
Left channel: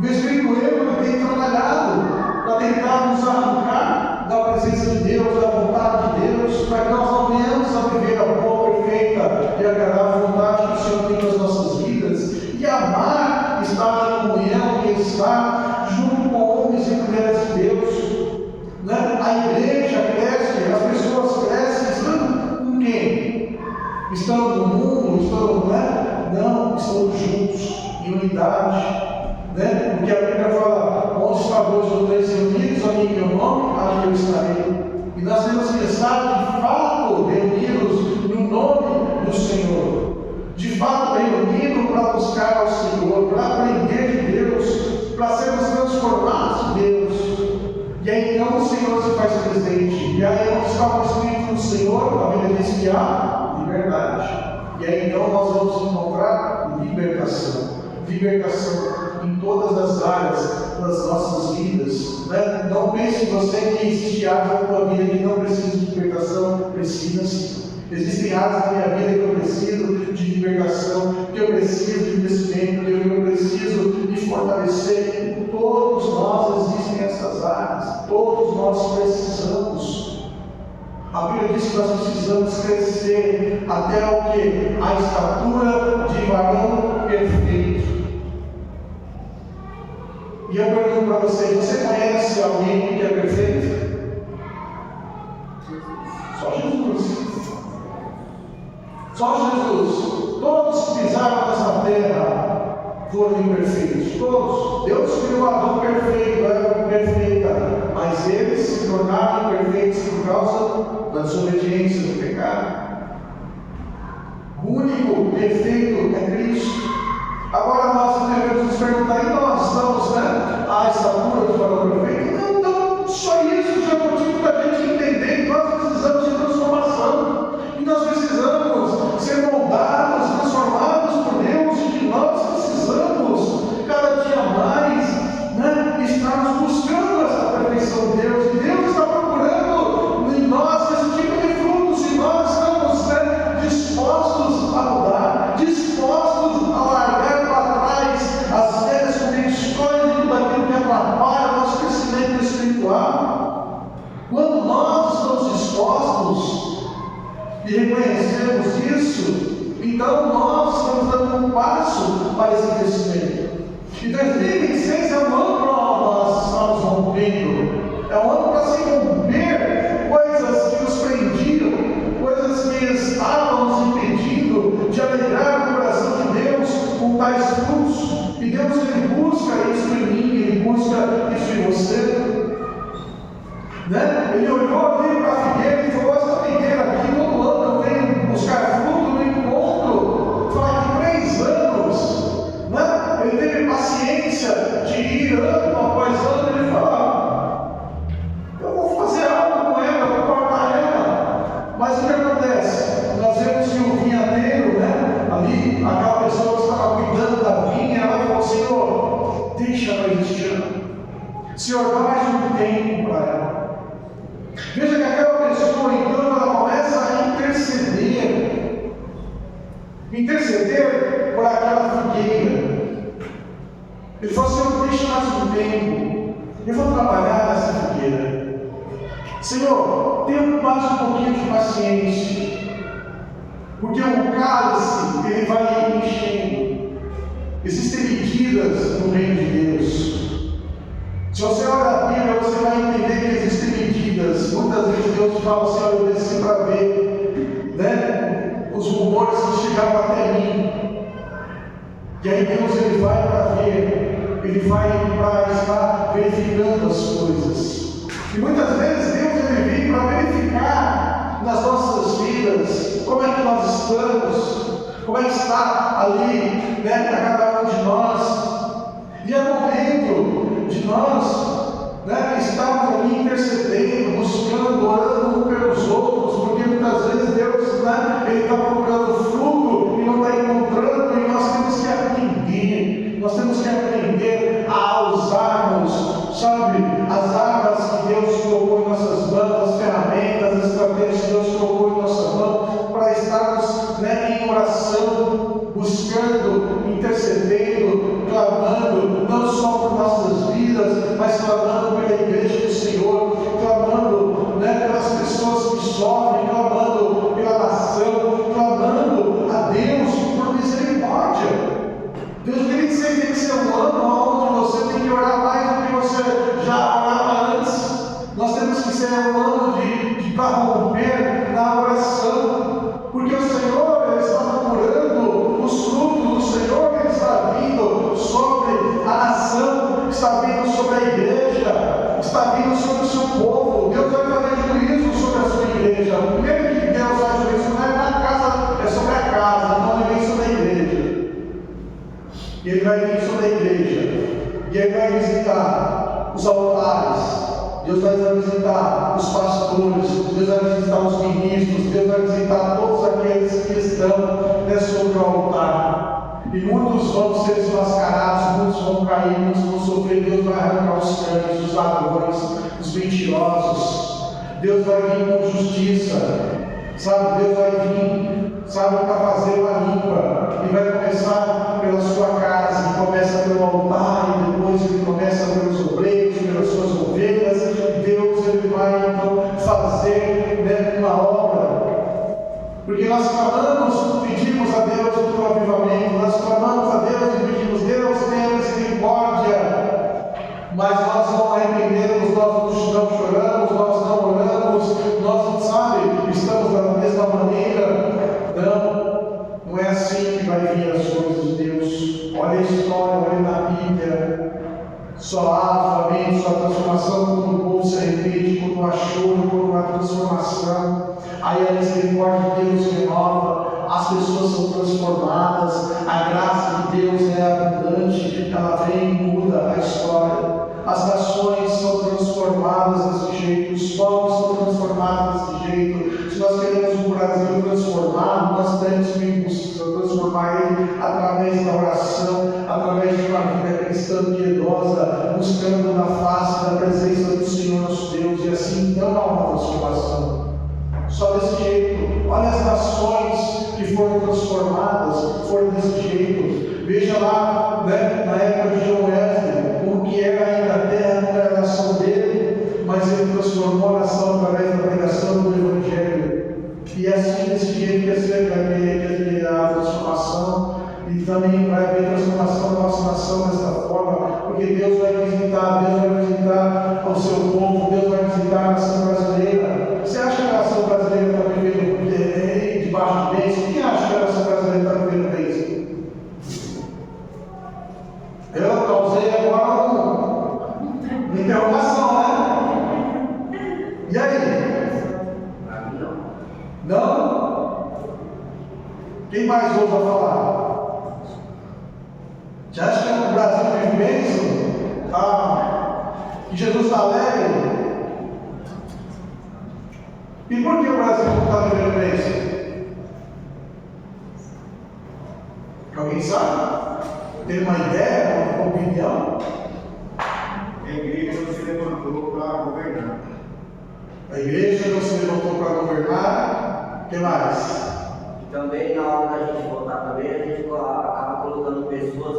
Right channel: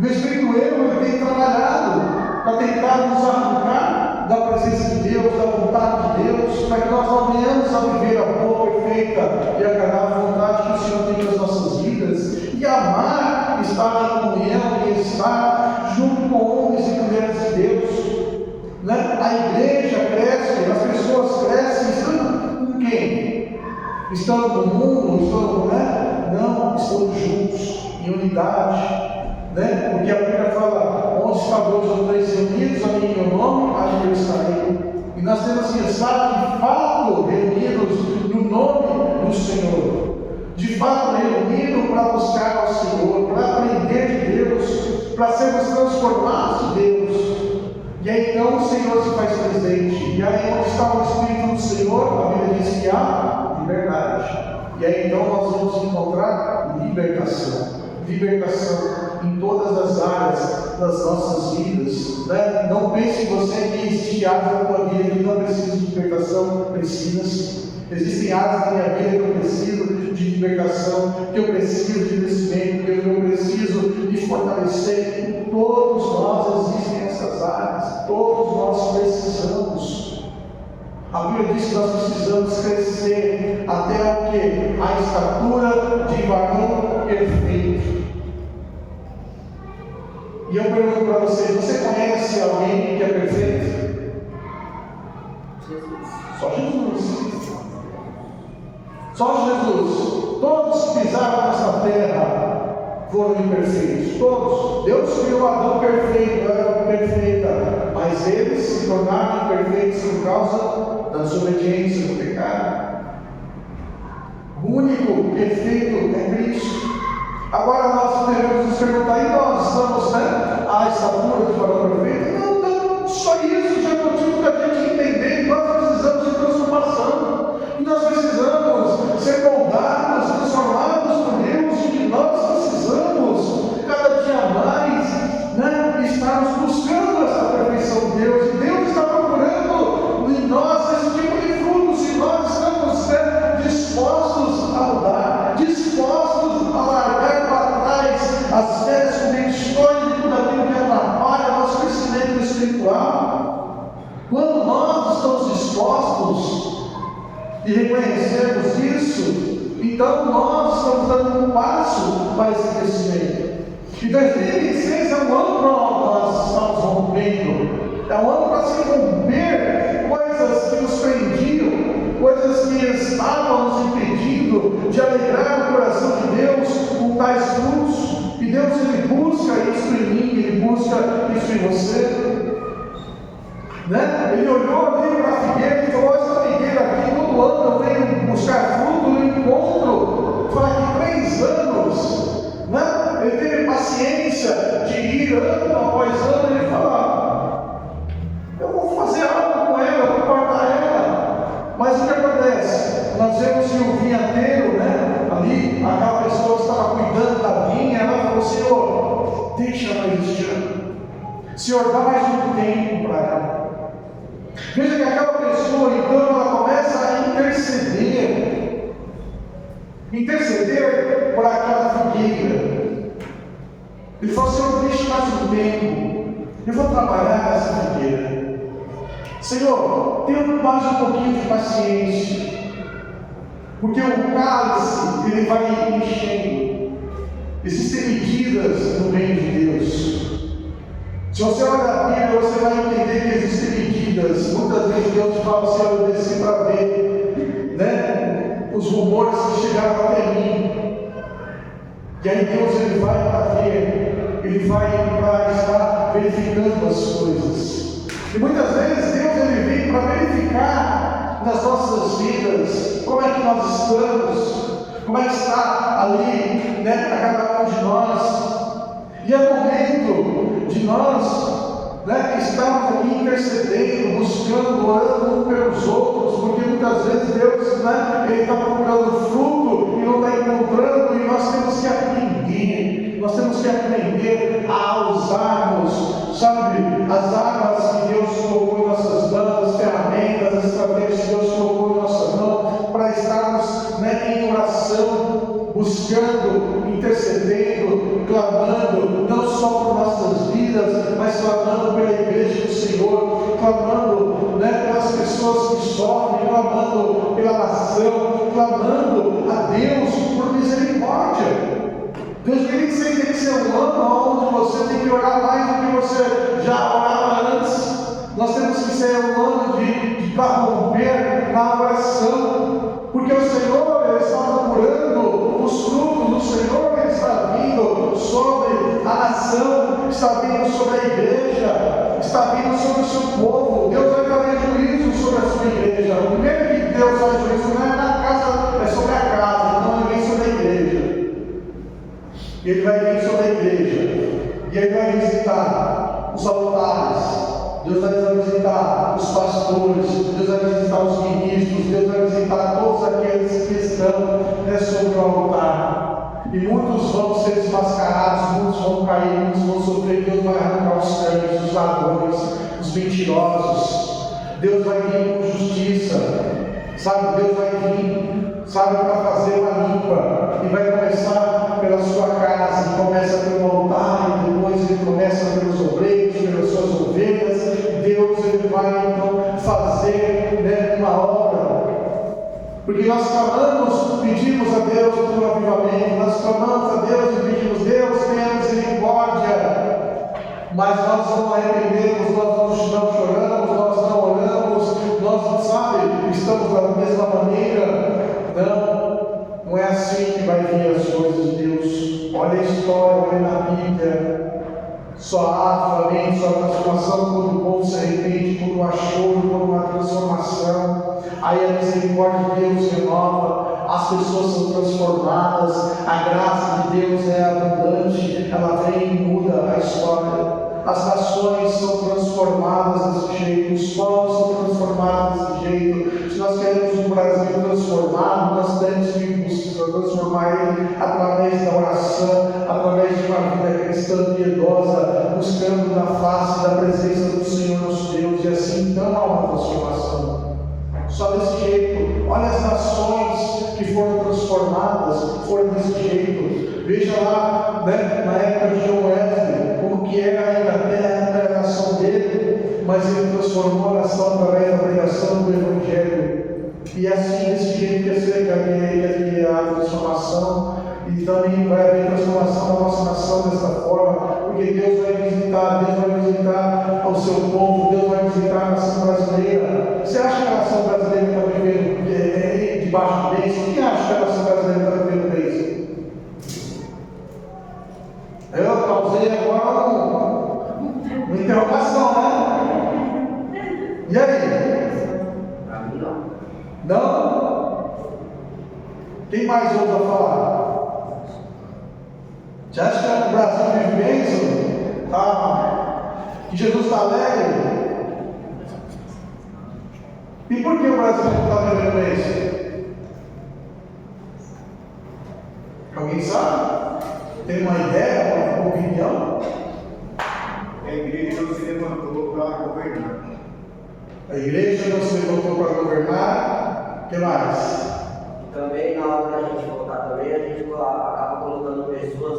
O Espírito erro tem trabalhado para tentar nos arrancar da presença de Deus, da vontade de Deus, para que nós não venhamos a viver a boa, perfeita e agradável vontade que o Senhor tem para as nossas vidas, e amar estar em comunhão e estar junto com homens e mulheres de Deus. Né? A igreja cresce, as pessoas crescem, estão com quem? Estão no mundo, estão, né? Não, estão juntos, em unidade. Né? Porque a Bíblia fala: onde está dois ou três reunidos, ali em meu nome, acho que eu estarei. E nós temos que estar de fato reunidos no nome do Senhor, de fato reunidos para buscar ao Senhor, para aprender de Deus, para sermos transformados de Deus. E aí então o Senhor se faz presente. E aí onde está o Espírito do Senhor, a Bíblia diz que há liberdade. E aí então nós vamos encontrar libertação. Libertação em todas as áreas das nossas vidas. Né? Não pense você que existe áreas da tua vida que não precisa de libertação. Precisa sim. Existem áreas da minha vida que eu preciso de libertação, que eu preciso de crescimento, que eu preciso de fortalecer. Todos nós existem nessas áreas. Todos nós precisamos. A Bíblia diz que nós precisamos crescer até o que? A estatura de varão perfeito. E eu pergunto para vocês: você conhece alguém que é perfeito? Só Jesus. Só Jesus. Todos que pisaram nessa terra foram imperfeitos. Todos. Deus criou Adão perfeito, Eva perfeita, mas eles se tornaram imperfeitos por causa da desobediência, do pecado. O único perfeito é Cristo. Agora nós devemos nos perguntar: e nós estamos, né, à estatura de varão perfeito? Não, só isso já é motivo da gente entender que nós precisamos de transformação, e nós precisamos ser moldados, transformados por Deus, e que nós precisamos cada dia mais, né, estarmos buscando essa perfeição de Deus, e Deus está procurando em nós esse tipo de frutos, e nós estamos, né, dispostos a mudar, dispostos a largar para trás as velhas convicções e tudo aquilo que atrapalha o nosso crescimento espiritual. Quando nós estamos dispostos e reconhecemos isso, então nós estamos dando um passo para esse crescimento. E 2026 é um ano para nós estamos rompendo, é um ano para se romper coisas que nos prendiam, coisas que estavam nos impedindo de alegrar o coração de Deus com tais frutos. E Deus, Ele busca isso em mim, Ele busca isso em você. Né? Ele olhou ali para a figueira e falou: essa figueira aqui, todo ano eu venho buscar fruto no encontro. Fala que 3 anos. Né? Ele teve paciência de ir ano após ano. Ele fala: eu vou fazer algo com ela, eu vou cortar ela. Mas o que acontece? Nós vemos que o vinhadeiro, né, ali, aquela pessoa que estava cuidando da vinha, ela falou: Senhor, deixa ela existir. Senhor, dá mais um tempo para ela. Veja que aquela pessoa, então, ela começa a interceder por aquela figueira. Ele falou: Senhor, deixa mais um tempo, eu vou trabalhar nessa figueira. Senhor, tenha mais um pouquinho de paciência, porque o cálice, ele vai enchendo. Existem medidas no reino de Deus. Se você olhar a Bíblia, você vai entender que existem medidas. Muitas vezes Deus fala assim: eu desci para ver, né, os rumores que chegaram até mim. E aí Deus, ele vai para ver, ele vai para estar verificando as coisas. E muitas vezes Deus, ele vem para verificar nas nossas vidas como é que nós estamos, como é que está ali, né, para cada um de nós. E é momento de nós, né, estarmos aqui intercedendo, buscando, orando uns pelos outros, porque muitas vezes Deus, né, ele está procurando fruto e não está encontrando, e nós temos que aprender a usarmos, sabe, as armas que Deus colocou em nossas mãos, as ferramentas, as estratégias que Deus colocou em nossa mão, para estar ser um ano de corromper na oração, porque o Senhor ele está procurando os frutos do Senhor, ele está vindo sobre a nação, está vindo sobre a igreja, está vindo sobre o seu povo. Deus vai fazer juízo sobre a sua igreja. O primeiro que Deus faz juízo não é na casa, é sobre a casa, então ele vem sobre a igreja. Ele vai vir sobre a igreja, e ele vai visitar os altares. Deus vai visitar os pastores, Deus vai visitar os ministros, Deus vai visitar todos aqueles que estão sobre o altar. E muitos vão ser desmascarados, muitos vão cair, muitos vão sofrer. Deus vai arrancar os cães, os ladrões, os mentirosos. Deus vai vir com justiça, sabe? Deus vai vir, sabe, para fazer uma limpa. E vai começar pela sua casa, e começa pelo altar, e depois ele começa pelos obreiros, pelas suas ovelhas. Deus ele vai então fazer uma obra, porque nós clamamos, pedimos a Deus por um avivamento, nós clamamos a Deus e pedimos: Deus, tenha misericórdia, mas nós não arrependemos, nós não choramos, nós não oramos, nós, sabe, estamos da mesma maneira. Não é assim que vai vir as coisas de Deus. Olha a história, olha na Bíblia. Só há avivamento, só há transformação quando o povo se arrepende, quando há choro, quando há transformação. Aí a misericórdia de Deus renova, as pessoas são transformadas, a graça de Deus é abundante, ela vem e muda a história. As nações são transformadas desse jeito, os povos são transformados desse jeito. Se nós queremos um Brasil transformado, nós temos que transformar ele através da oração, através de uma vida cristã piedosa, buscando na face da presença do Senhor nosso Deus, e assim então há uma transformação. Só desse jeito. Olha as nações que foram transformadas, foram desse jeito. Veja lá, na época de John Wesley, como que era a Inglaterra, a nação dele, mas ele transformou a nação através da pregação do Evangelho. E assim, desse jeito que é a transformação, e também vai haver transformação na nossa nação dessa forma, porque Deus vai visitar o seu povo, Deus vai visitar a nação brasileira. Você acha que a nação brasileira está vivendo debaixo de bênção? Quem acha que a nação brasileira está vivendo bênção? Eu causei agora uma interrogação, né? E aí? Não? Quem mais ousa falar? Você acha que o Brasil vive bênção? Tá? Que Jesus está alegre? E por que o Brasil não está vivendo bênção? Alguém sabe? Tem uma ideia, uma opinião? A igreja não se levantou para governar. A igreja não se levantou para governar. O que mais? Também, na hora da gente votar também, a gente acaba colocando pessoas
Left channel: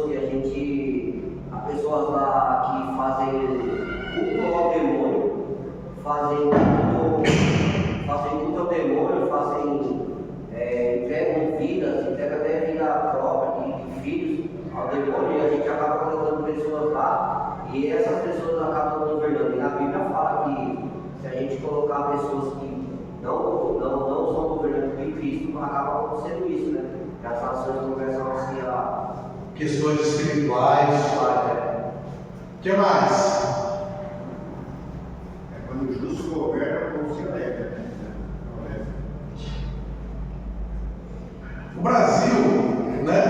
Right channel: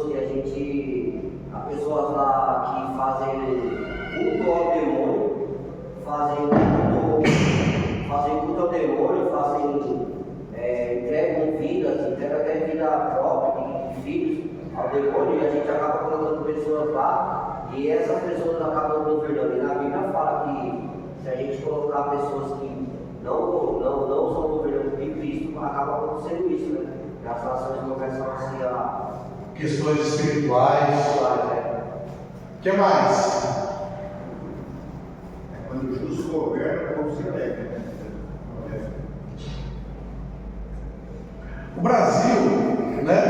pessoas lá que fazem culto ao demônio, fazem culto ao demônio, entregam vidas, entregam até vida própria de filhos ao demônio, e a gente acaba colocando pessoas lá, e essas pessoas acabam governando. E na Bíblia fala que se a gente colocar pessoas que não são governantes de Cristo, acaba acontecendo isso, né? Que as nações começam a se questões espirituais. O que mais? Quando o justo governa, o povo se alegra, né? O Brasil, né?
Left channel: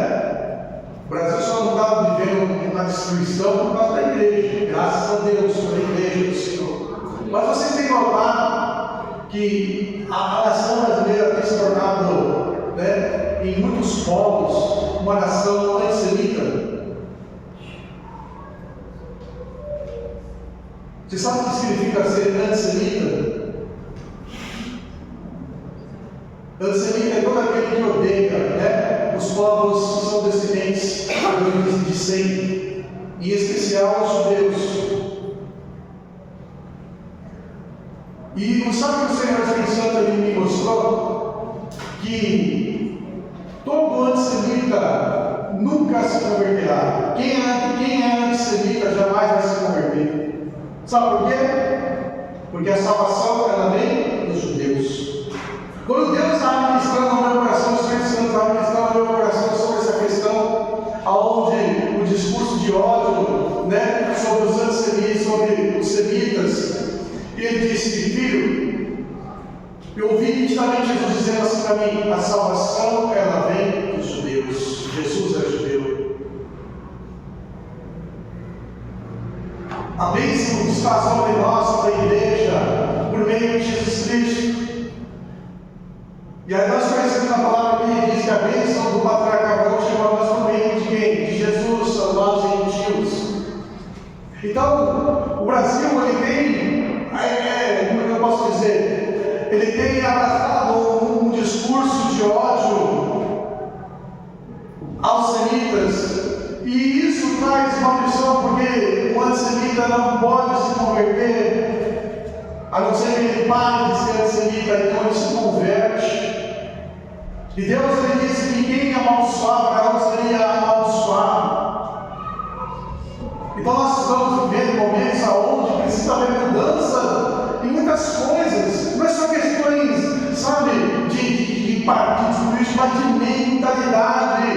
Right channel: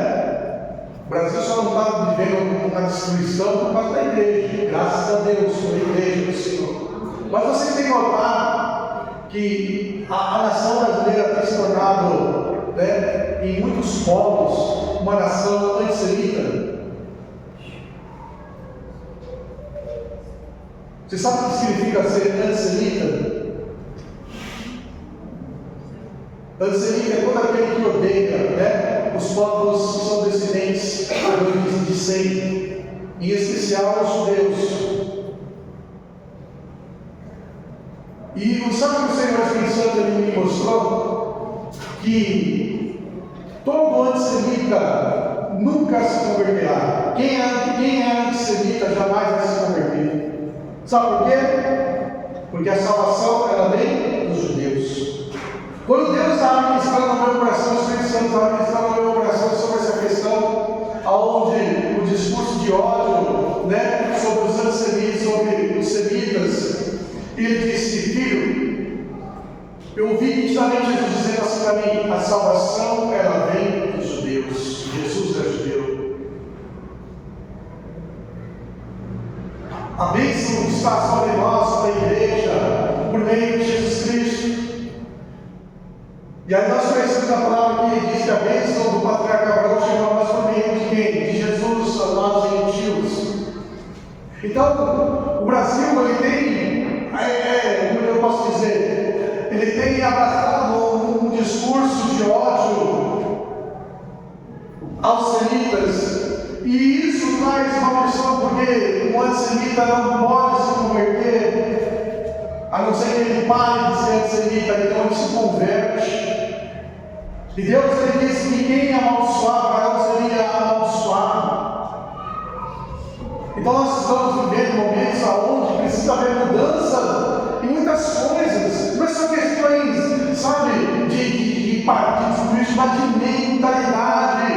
O Brasil só não está vivendo uma destruição por causa da igreja. Graças a Deus, pela igreja do Senhor. Mas vocês têm notado que a nação brasileira tem se tornado, né, em muitos povos, uma nação antissemita. Você sabe o que significa ser antissemita? Antissemita é todo aquele que odeia, né, os povos que são descendentes de Sem, em especial os judeus. E sabe o que o Senhor Espírito Santo me mostrou? Que todo antissemita nunca se converterá. Quem é antissemita jamais vai se converter. Sabe por quê? Porque a salvação, ela vem dos judeus. Quando Deus estava ministrando no meu coração, o Espírito Santo estava ministrando no meu coração sobre essa questão, onde o discurso de ódio, né, sobre os antissemitas, sobre os semitas, ele disse: filho, eu ouvi nitidamente Jesus dizendo assim para mim: a salvação, ela vem dos judeus. Jesus é judeu. A bênção está sobre nós, sobre a igreja, por meio de Jesus Cristo. E aí nós conhecemos a palavra que diz que a bênção do patriarca Abraão chegou a nós por meio de quem? De Jesus, a nós gentios. Então, o Brasil, ele tem, como eu posso dizer, ele tem abraçado um discurso de ódio aos semitas. E isso traz uma pressão, porque o antissemita não pode se converter, a não ser que ele pare de ser antissemita, então ele se converte. E Deus ele disse que quem amaldiçoava não seria amaldiçoado. Então nós estamos vivendo momentos onde precisa haver mudança em muitas coisas. Não são questões, sabe, de partidos políticos, mas de mentalidade.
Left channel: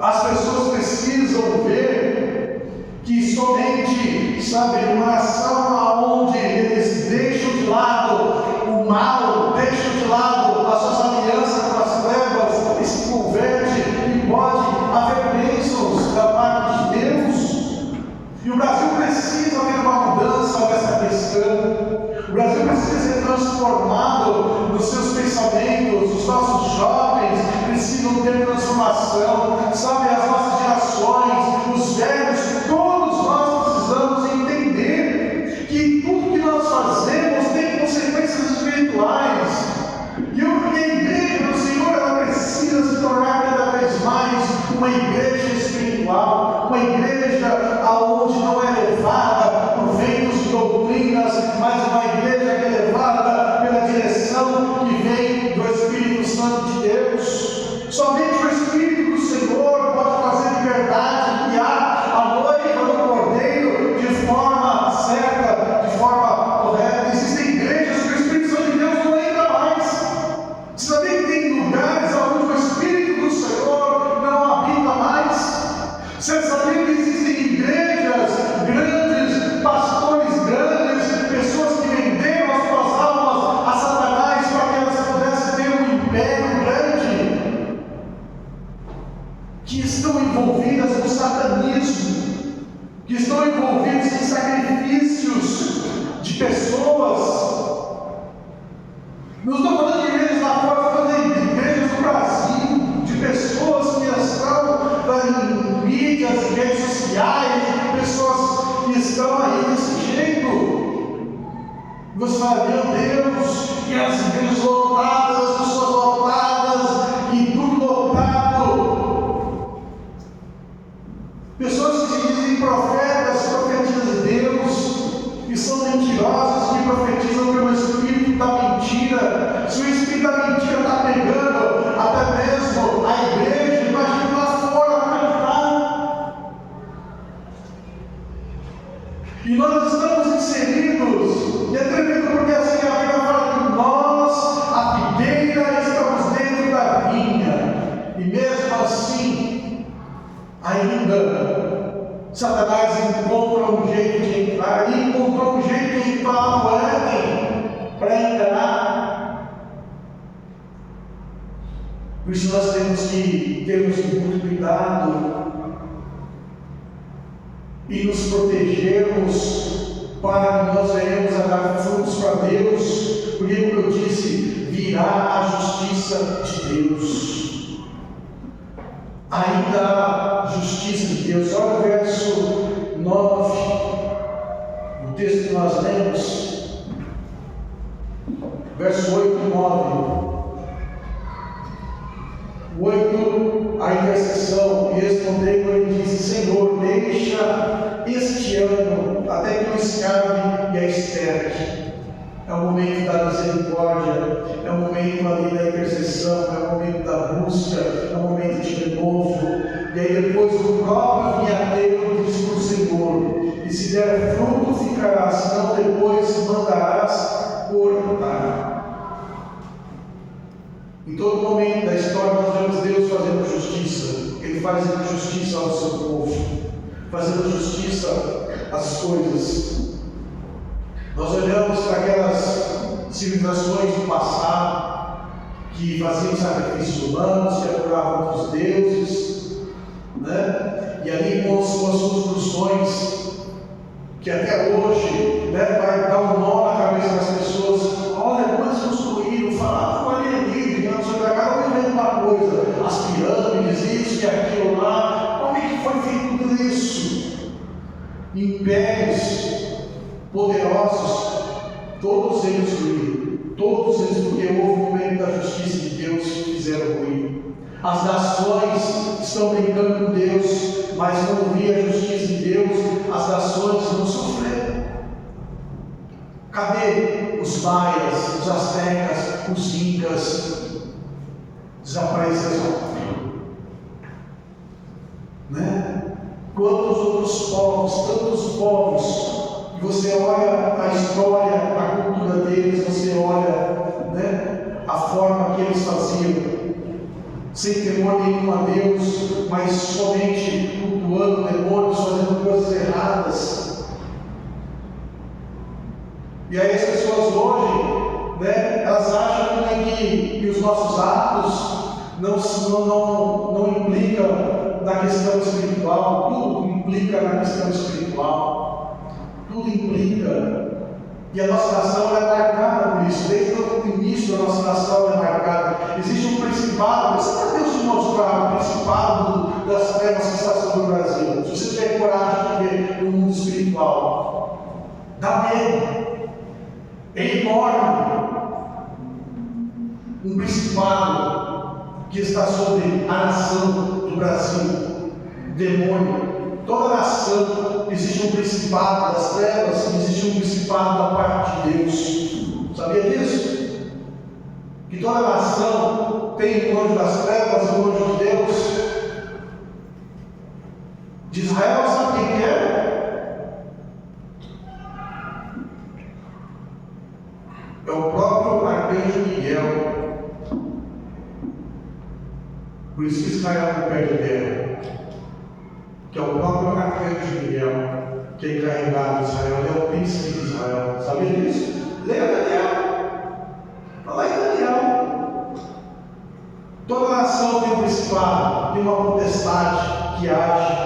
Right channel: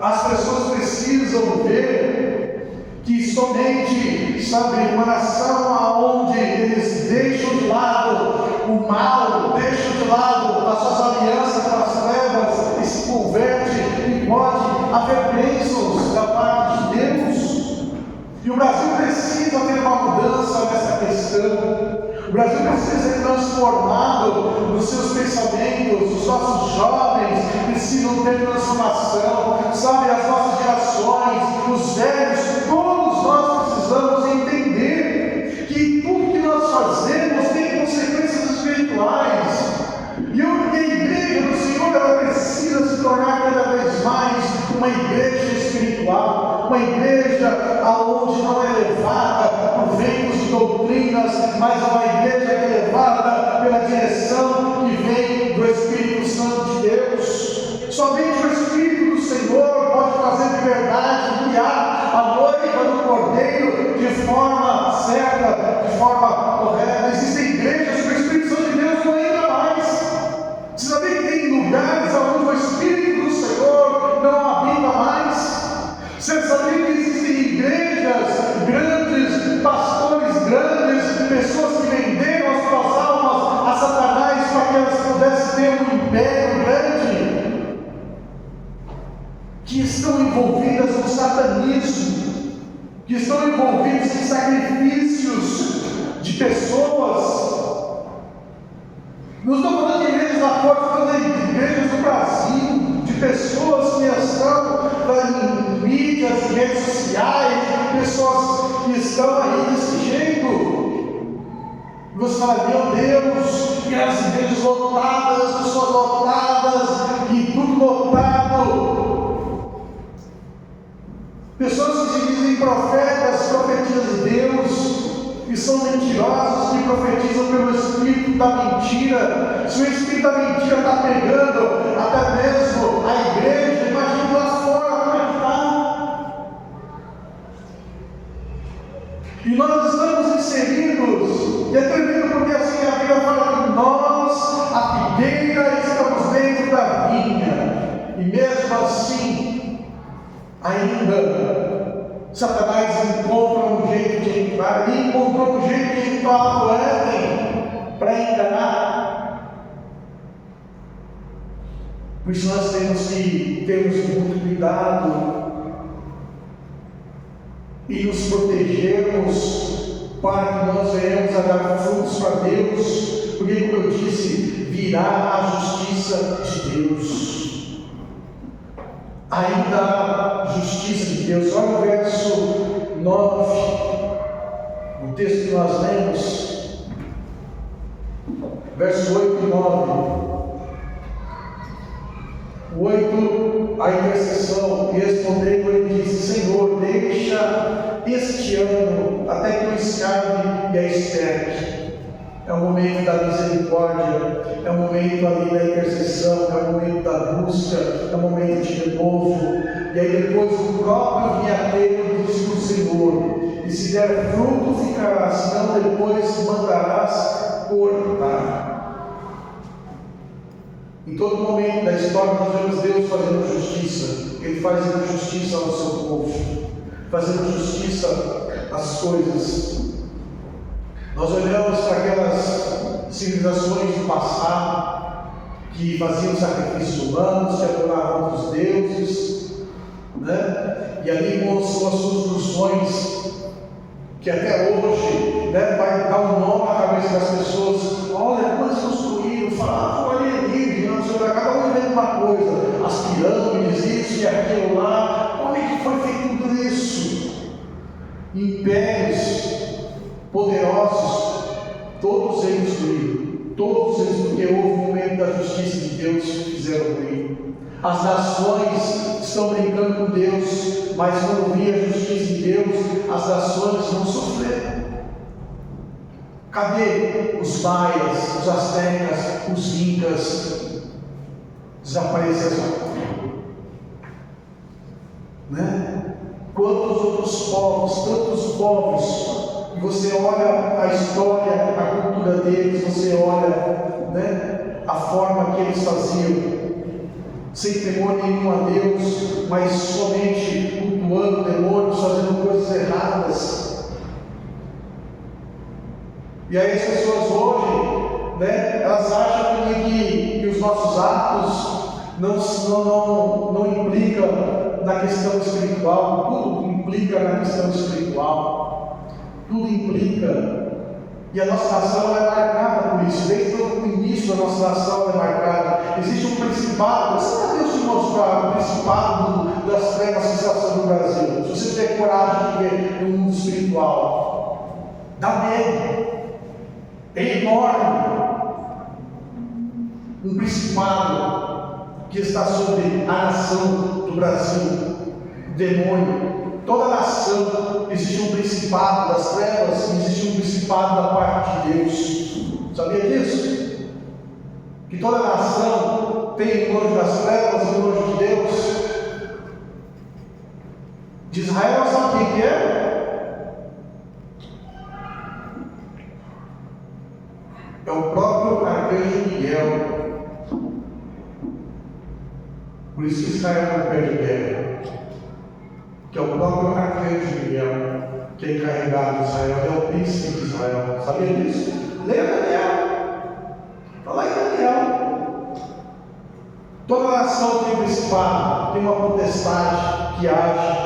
As pessoas precisam ver que somente, sabe, uma nação onde eles deixam de lado o mal, deixam de lado as suas alianças com as trevas e se converte, e pode haver bênçãos da parte de Deus. E o Brasil precisa ter uma mudança nessa questão. O Brasil precisa ser transformado nos seus pensamentos. Os nossos jovens precisam ter transformação. Sabe, as nossas gerações, os velhos, todos nós precisamos entender que tudo que nós fazemos tem consequências espirituais. E a igreja do Senhor, ela precisa se tornar cada vez mais uma igreja espiritual, uma igreja onde não é levada por ventos de doutrinas, mas uma igreja que é levada pela direção que vem do Espírito Santo de Deus. Somente o Espírito do Senhor pode trazer liberdade, guiar a noiva do Cordeiro de forma certa, de forma correta. Existem igrejas que o Espírito Santo de Deus não entra mais. Você sabia que tem lugares onde o Espírito do Senhor não habita mais? Você sabia que existem igrejas grandes, pastores grandes, pessoas que venderam as suas almas a Satanás para que elas pudessem ter um império grande, que estão envolvidas no satanismo, que estão envolvidos em sacrifícios de pessoas. Não estou falando de igrejas lá fora, estou falando de igrejas do Brasil, de pessoas que estão em mídias, redes sociais, pessoas que estão aí desse jeito. E você fala: meu Deus, e as igrejas lotadas, as pessoas lotadas, e tudo lotado. Pessoas que se dizem profetas, profetizas de Deus, e são mentirosos, que profetizam pelo espírito da mentira. Se o espírito da mentira está pegando até mesmo a igreja, imagina lá fora como é que está. E nós estamos inseridos, e é tremendo porque assim a Bíblia fala que nós, a figueira, estamos dentro da vinha, e mesmo assim, ainda Satanás encontra um jeito de entrar, ele encontrou um jeito de entrar no Éden para enganar. Por isso nós temos que termos muito cuidado e nos protegermos para que nós venhamos a dar frutos para Deus, porque, como eu disse, virá a justiça de Deus. Ainda a justiça de Deus. Olha o verso 9, o texto que nós lemos, verso 8 e 9. O 8, a intercessão, e respondendo ele disse: Senhor, deixa este ano até que eu escape e a esterque. É o momento da misericórdia, é o momento ali da intercessão, é o momento da busca, é o momento de renovo. E aí depois o próprio vinhateiro diz para o Senhor: e se der fruto ficarás, senão depois mandarás cortar. Em todo momento da história nós vemos Deus fazendo justiça. Ele faz justiça ao seu povo, fazendo justiça às coisas. Nós olhamos para aquelas civilizações do passado que faziam sacrifícios humanos, que adoravam outros deuses, né? E ali com as suas funções, que até hoje, né, vai dar um nó na cabeça das pessoas. Olha, depois construíram, falaram, olha ali, cada um inventa uma coisa, as pirâmides, isso e aquilo lá. Como é que foi feito tudo isso? Impérios poderosos, todos eles ruíram, todos eles, porque houve um momento da justiça de Deus, fizeram ruim. As nações estão brincando com Deus, mas quando via a justiça de Deus, as nações não sofreram. Cadê os maias, os astecas, os incas? Desapareceram, né? Quantos outros povos, tantos povos, e você olha a história, a cultura deles, você olha, né, a forma que eles faziam, sem temor nenhum a Deus, mas somente cultuando demônios, fazendo coisas erradas. E aí as pessoas hoje, né, elas acham que os nossos atos não implicam na questão espiritual. Tudo implica na questão espiritual, tudo implica. E a nossa nação é marcada por isso. Desde o início da nossa nação é marcada. Existe um principado, se Deus te mostrar o principado das trevas que está sobre o Brasil, se você tiver coragem de ver no mundo espiritual, dá medo, é enorme. Um principado que está sobre a nação do Brasil, demônio. Toda nação existe um principado das trevas, existe um principado da parte de Deus. Sabia disso? Que toda nação tem um anjo das trevas e um anjo de Deus. De Israel, sabe quem que é? É o próprio arcanjo Miguel. Por isso que Israel não perde guerra. Que é o próprio arcanjo Miguel, que é encarregado de Israel, é o príncipe de Israel. Sabia disso? Leia Daniel. Está lá em Daniel. Toda nação tem um principado, tem uma potestade que age.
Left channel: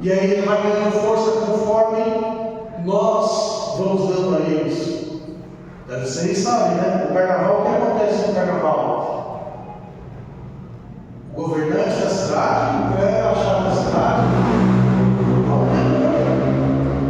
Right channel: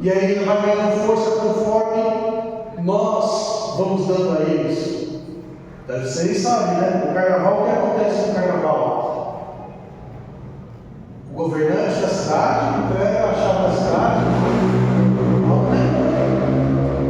E aí ele vai ganhando força conforme nós vamos dando a eles. Vocês sabem, né? O carnaval, o que acontece no carnaval? O governante da cidade entrega a chave da cidade.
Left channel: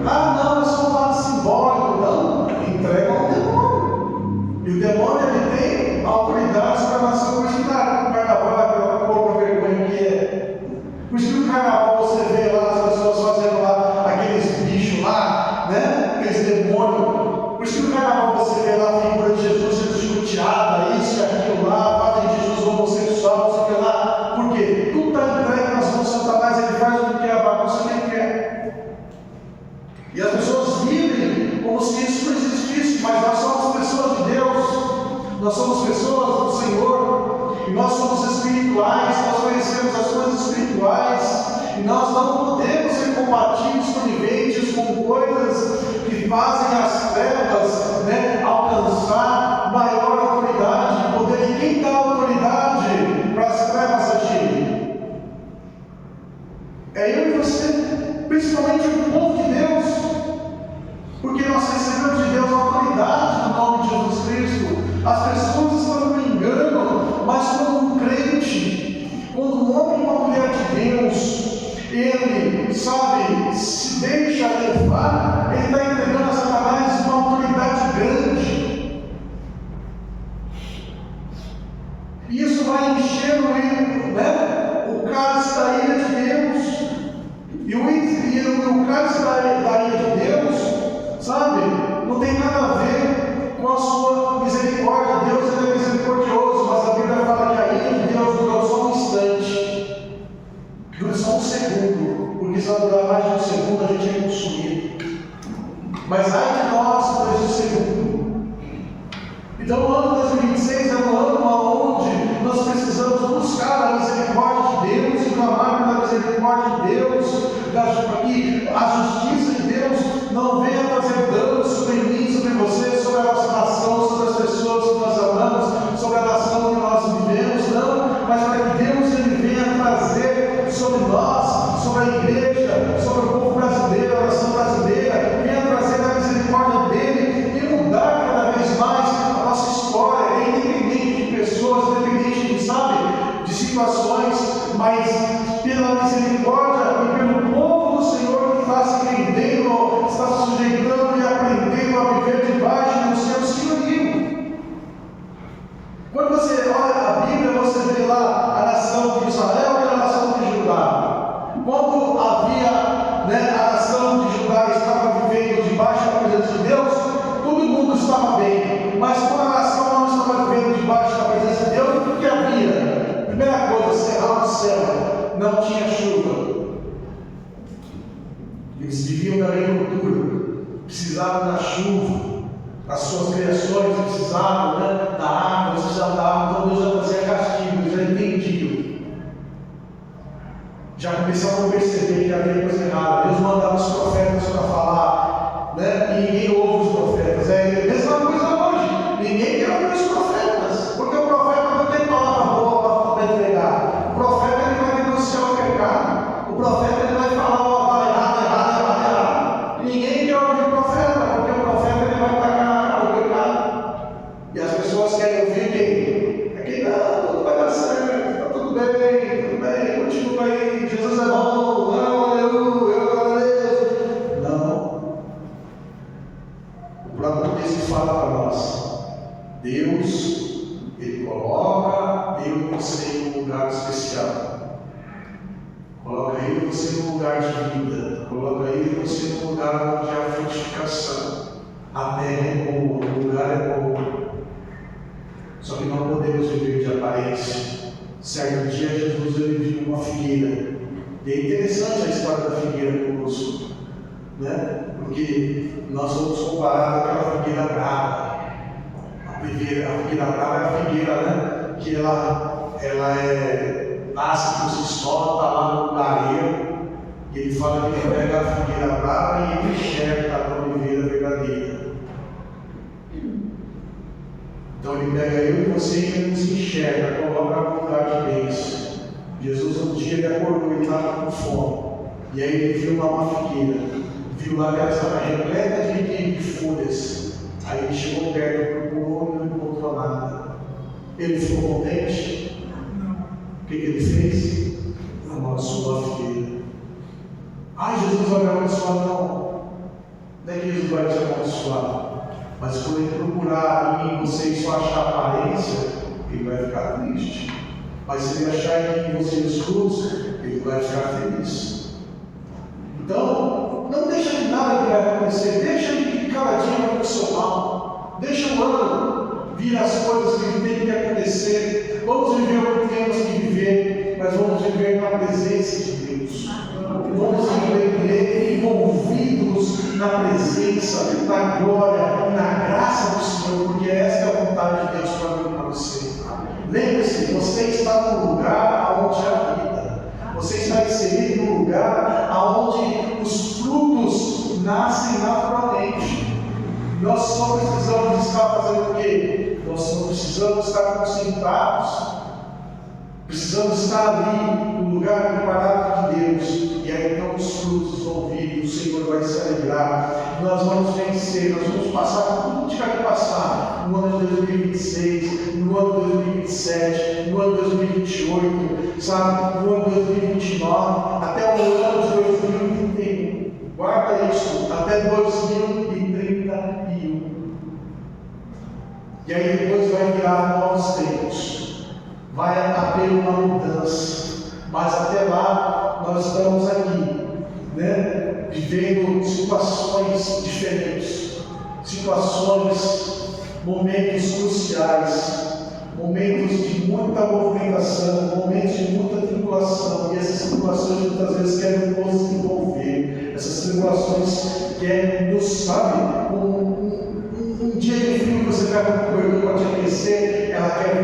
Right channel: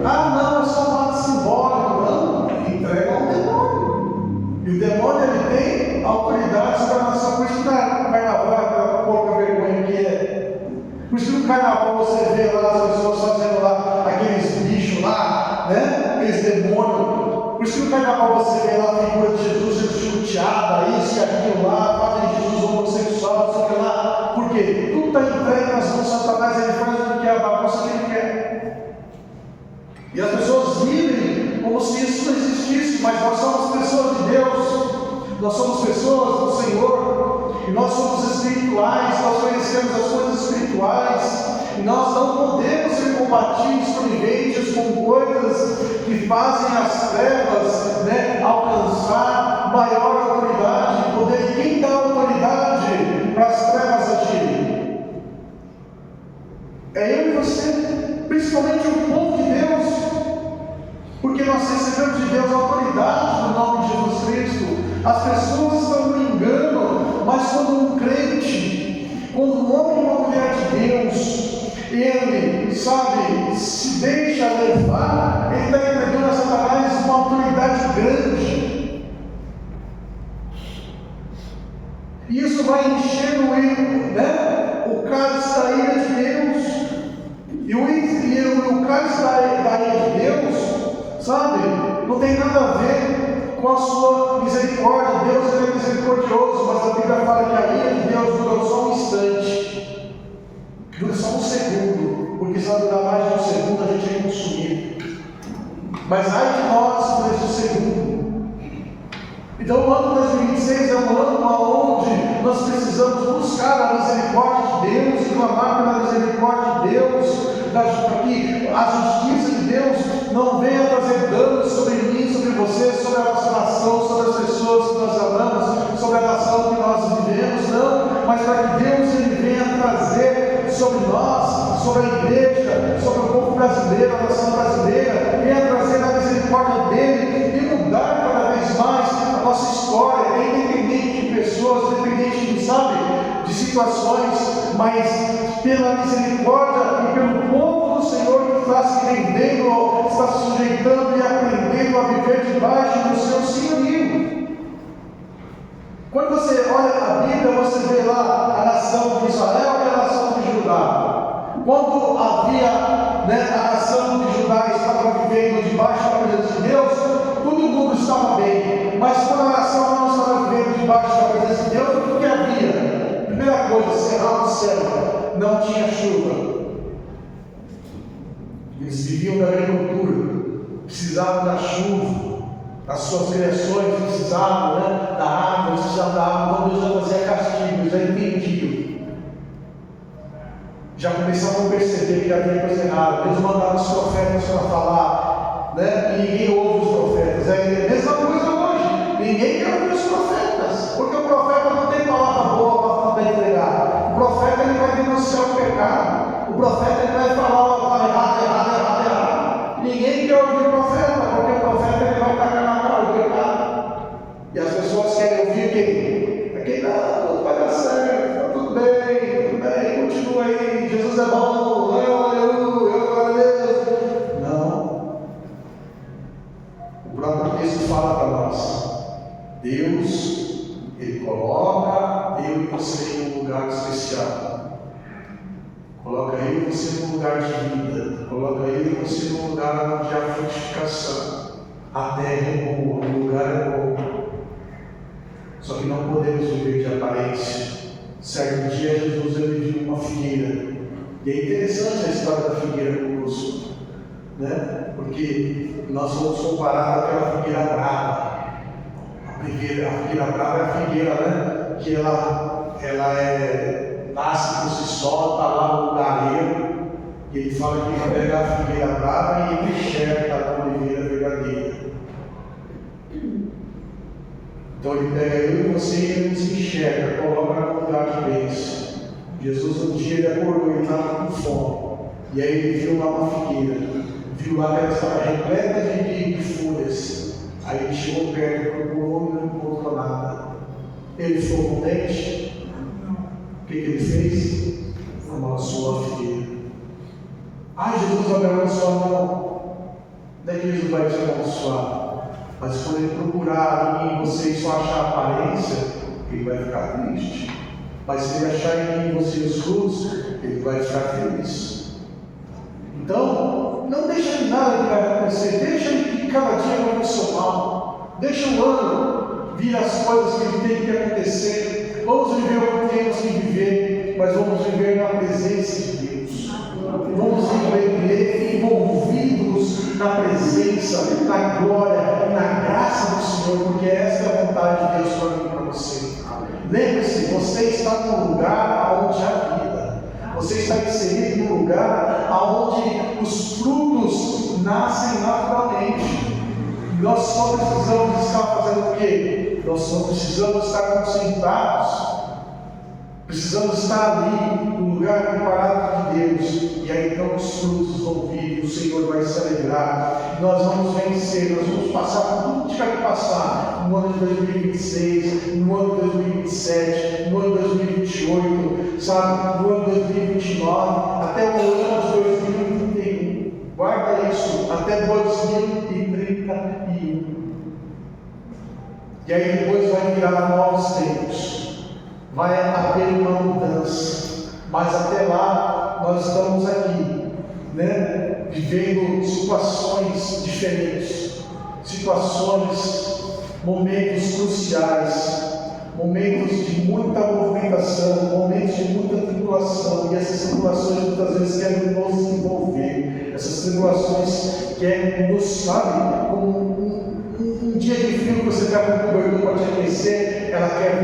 Ah, não, é só um ato simbólico. Não, entrega ao demônio. E o demônio, ele tem autoridade sobre a nação. Por isso que o carnaval é pela pouca vergonha que é. Por isso que no carnaval você vê lá as pessoas fazendo lá aqueles bichos lá, né? Aqueles demônios. Por isso que no carnaval você vê lá a figura de Jesus sendo chicoteada, isso e aquilo lá, fazem de Jesus homossexual, isso e aquilo lá. Por quê? Tudo está entregue nas mãos de Satanás, ele faz o que quer, a bagunça que ele quer. E as pessoas vivem como se isso não existisse, mas nós somos pessoas de Deus, nós somos pessoas do Senhor, e nós somos espirituais, nós conhecemos as coisas espirituais, e nós não podemos ser combatidos, coniventes com coisas que fazem as trevas, né, alcançar maior autoridade, poder. E quem dá autoridade para as trevas agirem? É eu e você, principalmente o povo de Deus, porque nós recebemos de Deus a autoridade no nome de Jesus Cristo. As pessoas estão no engano, mas quando um crente, quando um homem e uma mulher de Deus, ele, sabe, se deixa levar, ele está entregando a Satanás uma autoridade grande. E isso vai enchendo ele, né, o cálice da ira de Deus. E o cálice da ira de Deus, sabe, não tem nada a ver com a sua misericórdia. Deus, ele é misericordioso, mas a Bíblia fala que a ira de Deus dura só um instante, dura só um segundo, porque se ela durar mais de um segundo, a gente é Então o ano 2026 é um ano onde nós precisamos buscar a misericórdia de Deus e clamar pela misericórdia de Deus, para que a justiça de Deus não venha trazer danos sobre mim, sobre você, sobre a nossa nação, sobre as pessoas que nós amamos, sobre a nação que nós vivemos, não, mas para que Deus ele venha trazer sobre nós, sobre a igreja, sobre o povo brasileiro, a nação brasileira, venha trazer a misericórdia dele e mudar cada vez mais a nossa história, independente de pessoas, independente de, sabe, de situações, mas pela misericórdia e pelo povo do Senhor que está se rendendo, está se sujeitando e aprendendo a viver debaixo do seu senhorio. Quando você olha a Bíblia, você vê lá a nação de Israel e a nação de Judá. Quando havia, a nação de Judá estava vivendo debaixo da presença de Deus, todo mundo estava bem. Mas quando a nação não estava vivendo debaixo da presença de Deus, o que havia? Primeira coisa, cerrado o céu, não tinha chuva. Eles viviam da agricultura, precisavam da chuva. As suas criações precisavam da água, precisavam da água. Então Deus já fazia castigo, eles já entendiam. Já começavam a perceber que havia coisa errada. Deus mandava os profetas para falar, e ninguém ouve os profetas. É a mesma coisa hoje. Ninguém quer ouvir os profetas, porque o profeta não tem palavra boa para entregar. O profeta ele vai denunciar o pecado. O profeta ele vai falar errado. Ninguém quer ouvir o profeta, porque o profeta ele vai tacar na cara o pecado. E as pessoas querem ouvir quem? É quem não, tudo vai dar certo, está tudo bem, continua aí, Jesus é bom, aleluia, glória a Deus. Não. O próprio texto fala para nós, Deus, ele coloca eu e você em um lugar especial. Coloca eu e você num lugar de vida. Coloca eu e você num lugar onde há frutificação. A terra é boa, o lugar é bom. Só que não podemos viver de aparência. Certo dia Jesus ele viu uma figueira. E é interessante a história da figueira conosco, porque nós vamos comparar àquela figueira brava. A figueira brava é a figueira, que ela nasce por si só, está lá no lugareiro, e ele fala que ele pega a figueira brava e ele enxerga a oliveira verdadeira. Então ele pega eu e você e ele nos enxerga, coloca no lugar de bênção. Jesus um dia ele acordou, ele estava com fome, e aí ele viu lá uma figueira, viu lá que ela estava repleta de folhas. Aí ele chegou perto, procurou e não encontrou nada. Ele ficou contente? O que ele fez? Amaldiçoou a figueira. Ai, Jesus vai me amaldiçoar, não. Não é que Jesus vai te amaldiçoar. Mas quando ele procurar em você e só achar aparência, ele vai ficar triste. Mas se ele achar em você os frutos, ele vai ficar feliz. Então, não deixa que nada que vai acontecer. Deixa que cada dia vai funcionar. Deixa o ano vir as coisas que tem que acontecer. Vamos viver o que temos que viver, mas vamos viver na presença de Deus. Vamos viver envolvidos na presença, na glória e na graça do Senhor, porque essa é a vontade de Deus para mim e para você. Lembre-se, você está no lugar onde há vida. Você está inserido no lugar onde os frutos nascem naturalmente. Nós só precisamos estar fazendo o quê? Nós só precisamos estar concentrados. Precisamos estar ali no lugar preparado de Deus. E aí então os frutos vão vir, o Senhor vai se alegrar. Nós vamos vencer, nós vamos passar por tudo que tiver que passar no ano de 2026, no ano de 2027, no ano de 2028, sabe? No ano de 2029, até o ano de 2031. Guarda isso, até 2031. E aí depois vai virar novos tempos. Vai haver uma mudança, mas até lá nós estamos aqui, vivendo situações diferentes, momentos cruciais, momentos de muita movimentação, momentos de muita tribulação, e essas tribulações muitas vezes querem nos envolver, essas tribulações querem nos, sabe, um dia de frio você pega um cobertor para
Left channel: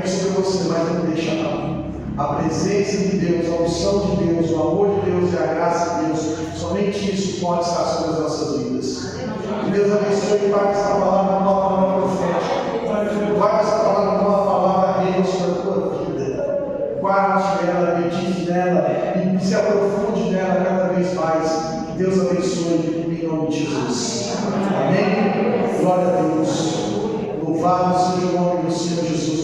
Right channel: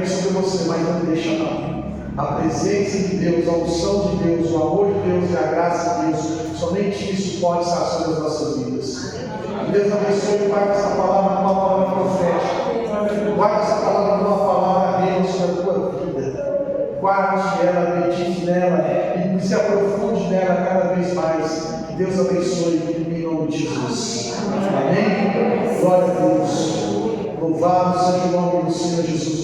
vir sobre você, mas não deixa não. A presença de Deus, a unção de Deus, o amor de Deus e a graça de Deus, somente isso pode estar sobre as nossas vidas. Deus abençoe, guarda essa palavra como uma palavra profética. Guarda essa palavra como uma palavra rema sobre a tua vida. Guarde ela, medite nela e se aprofunde nela cada vez mais. Que Deus abençoe em nome de Jesus. Amém? Glória a Deus. Louvado seja o nome do Senhor Jesus.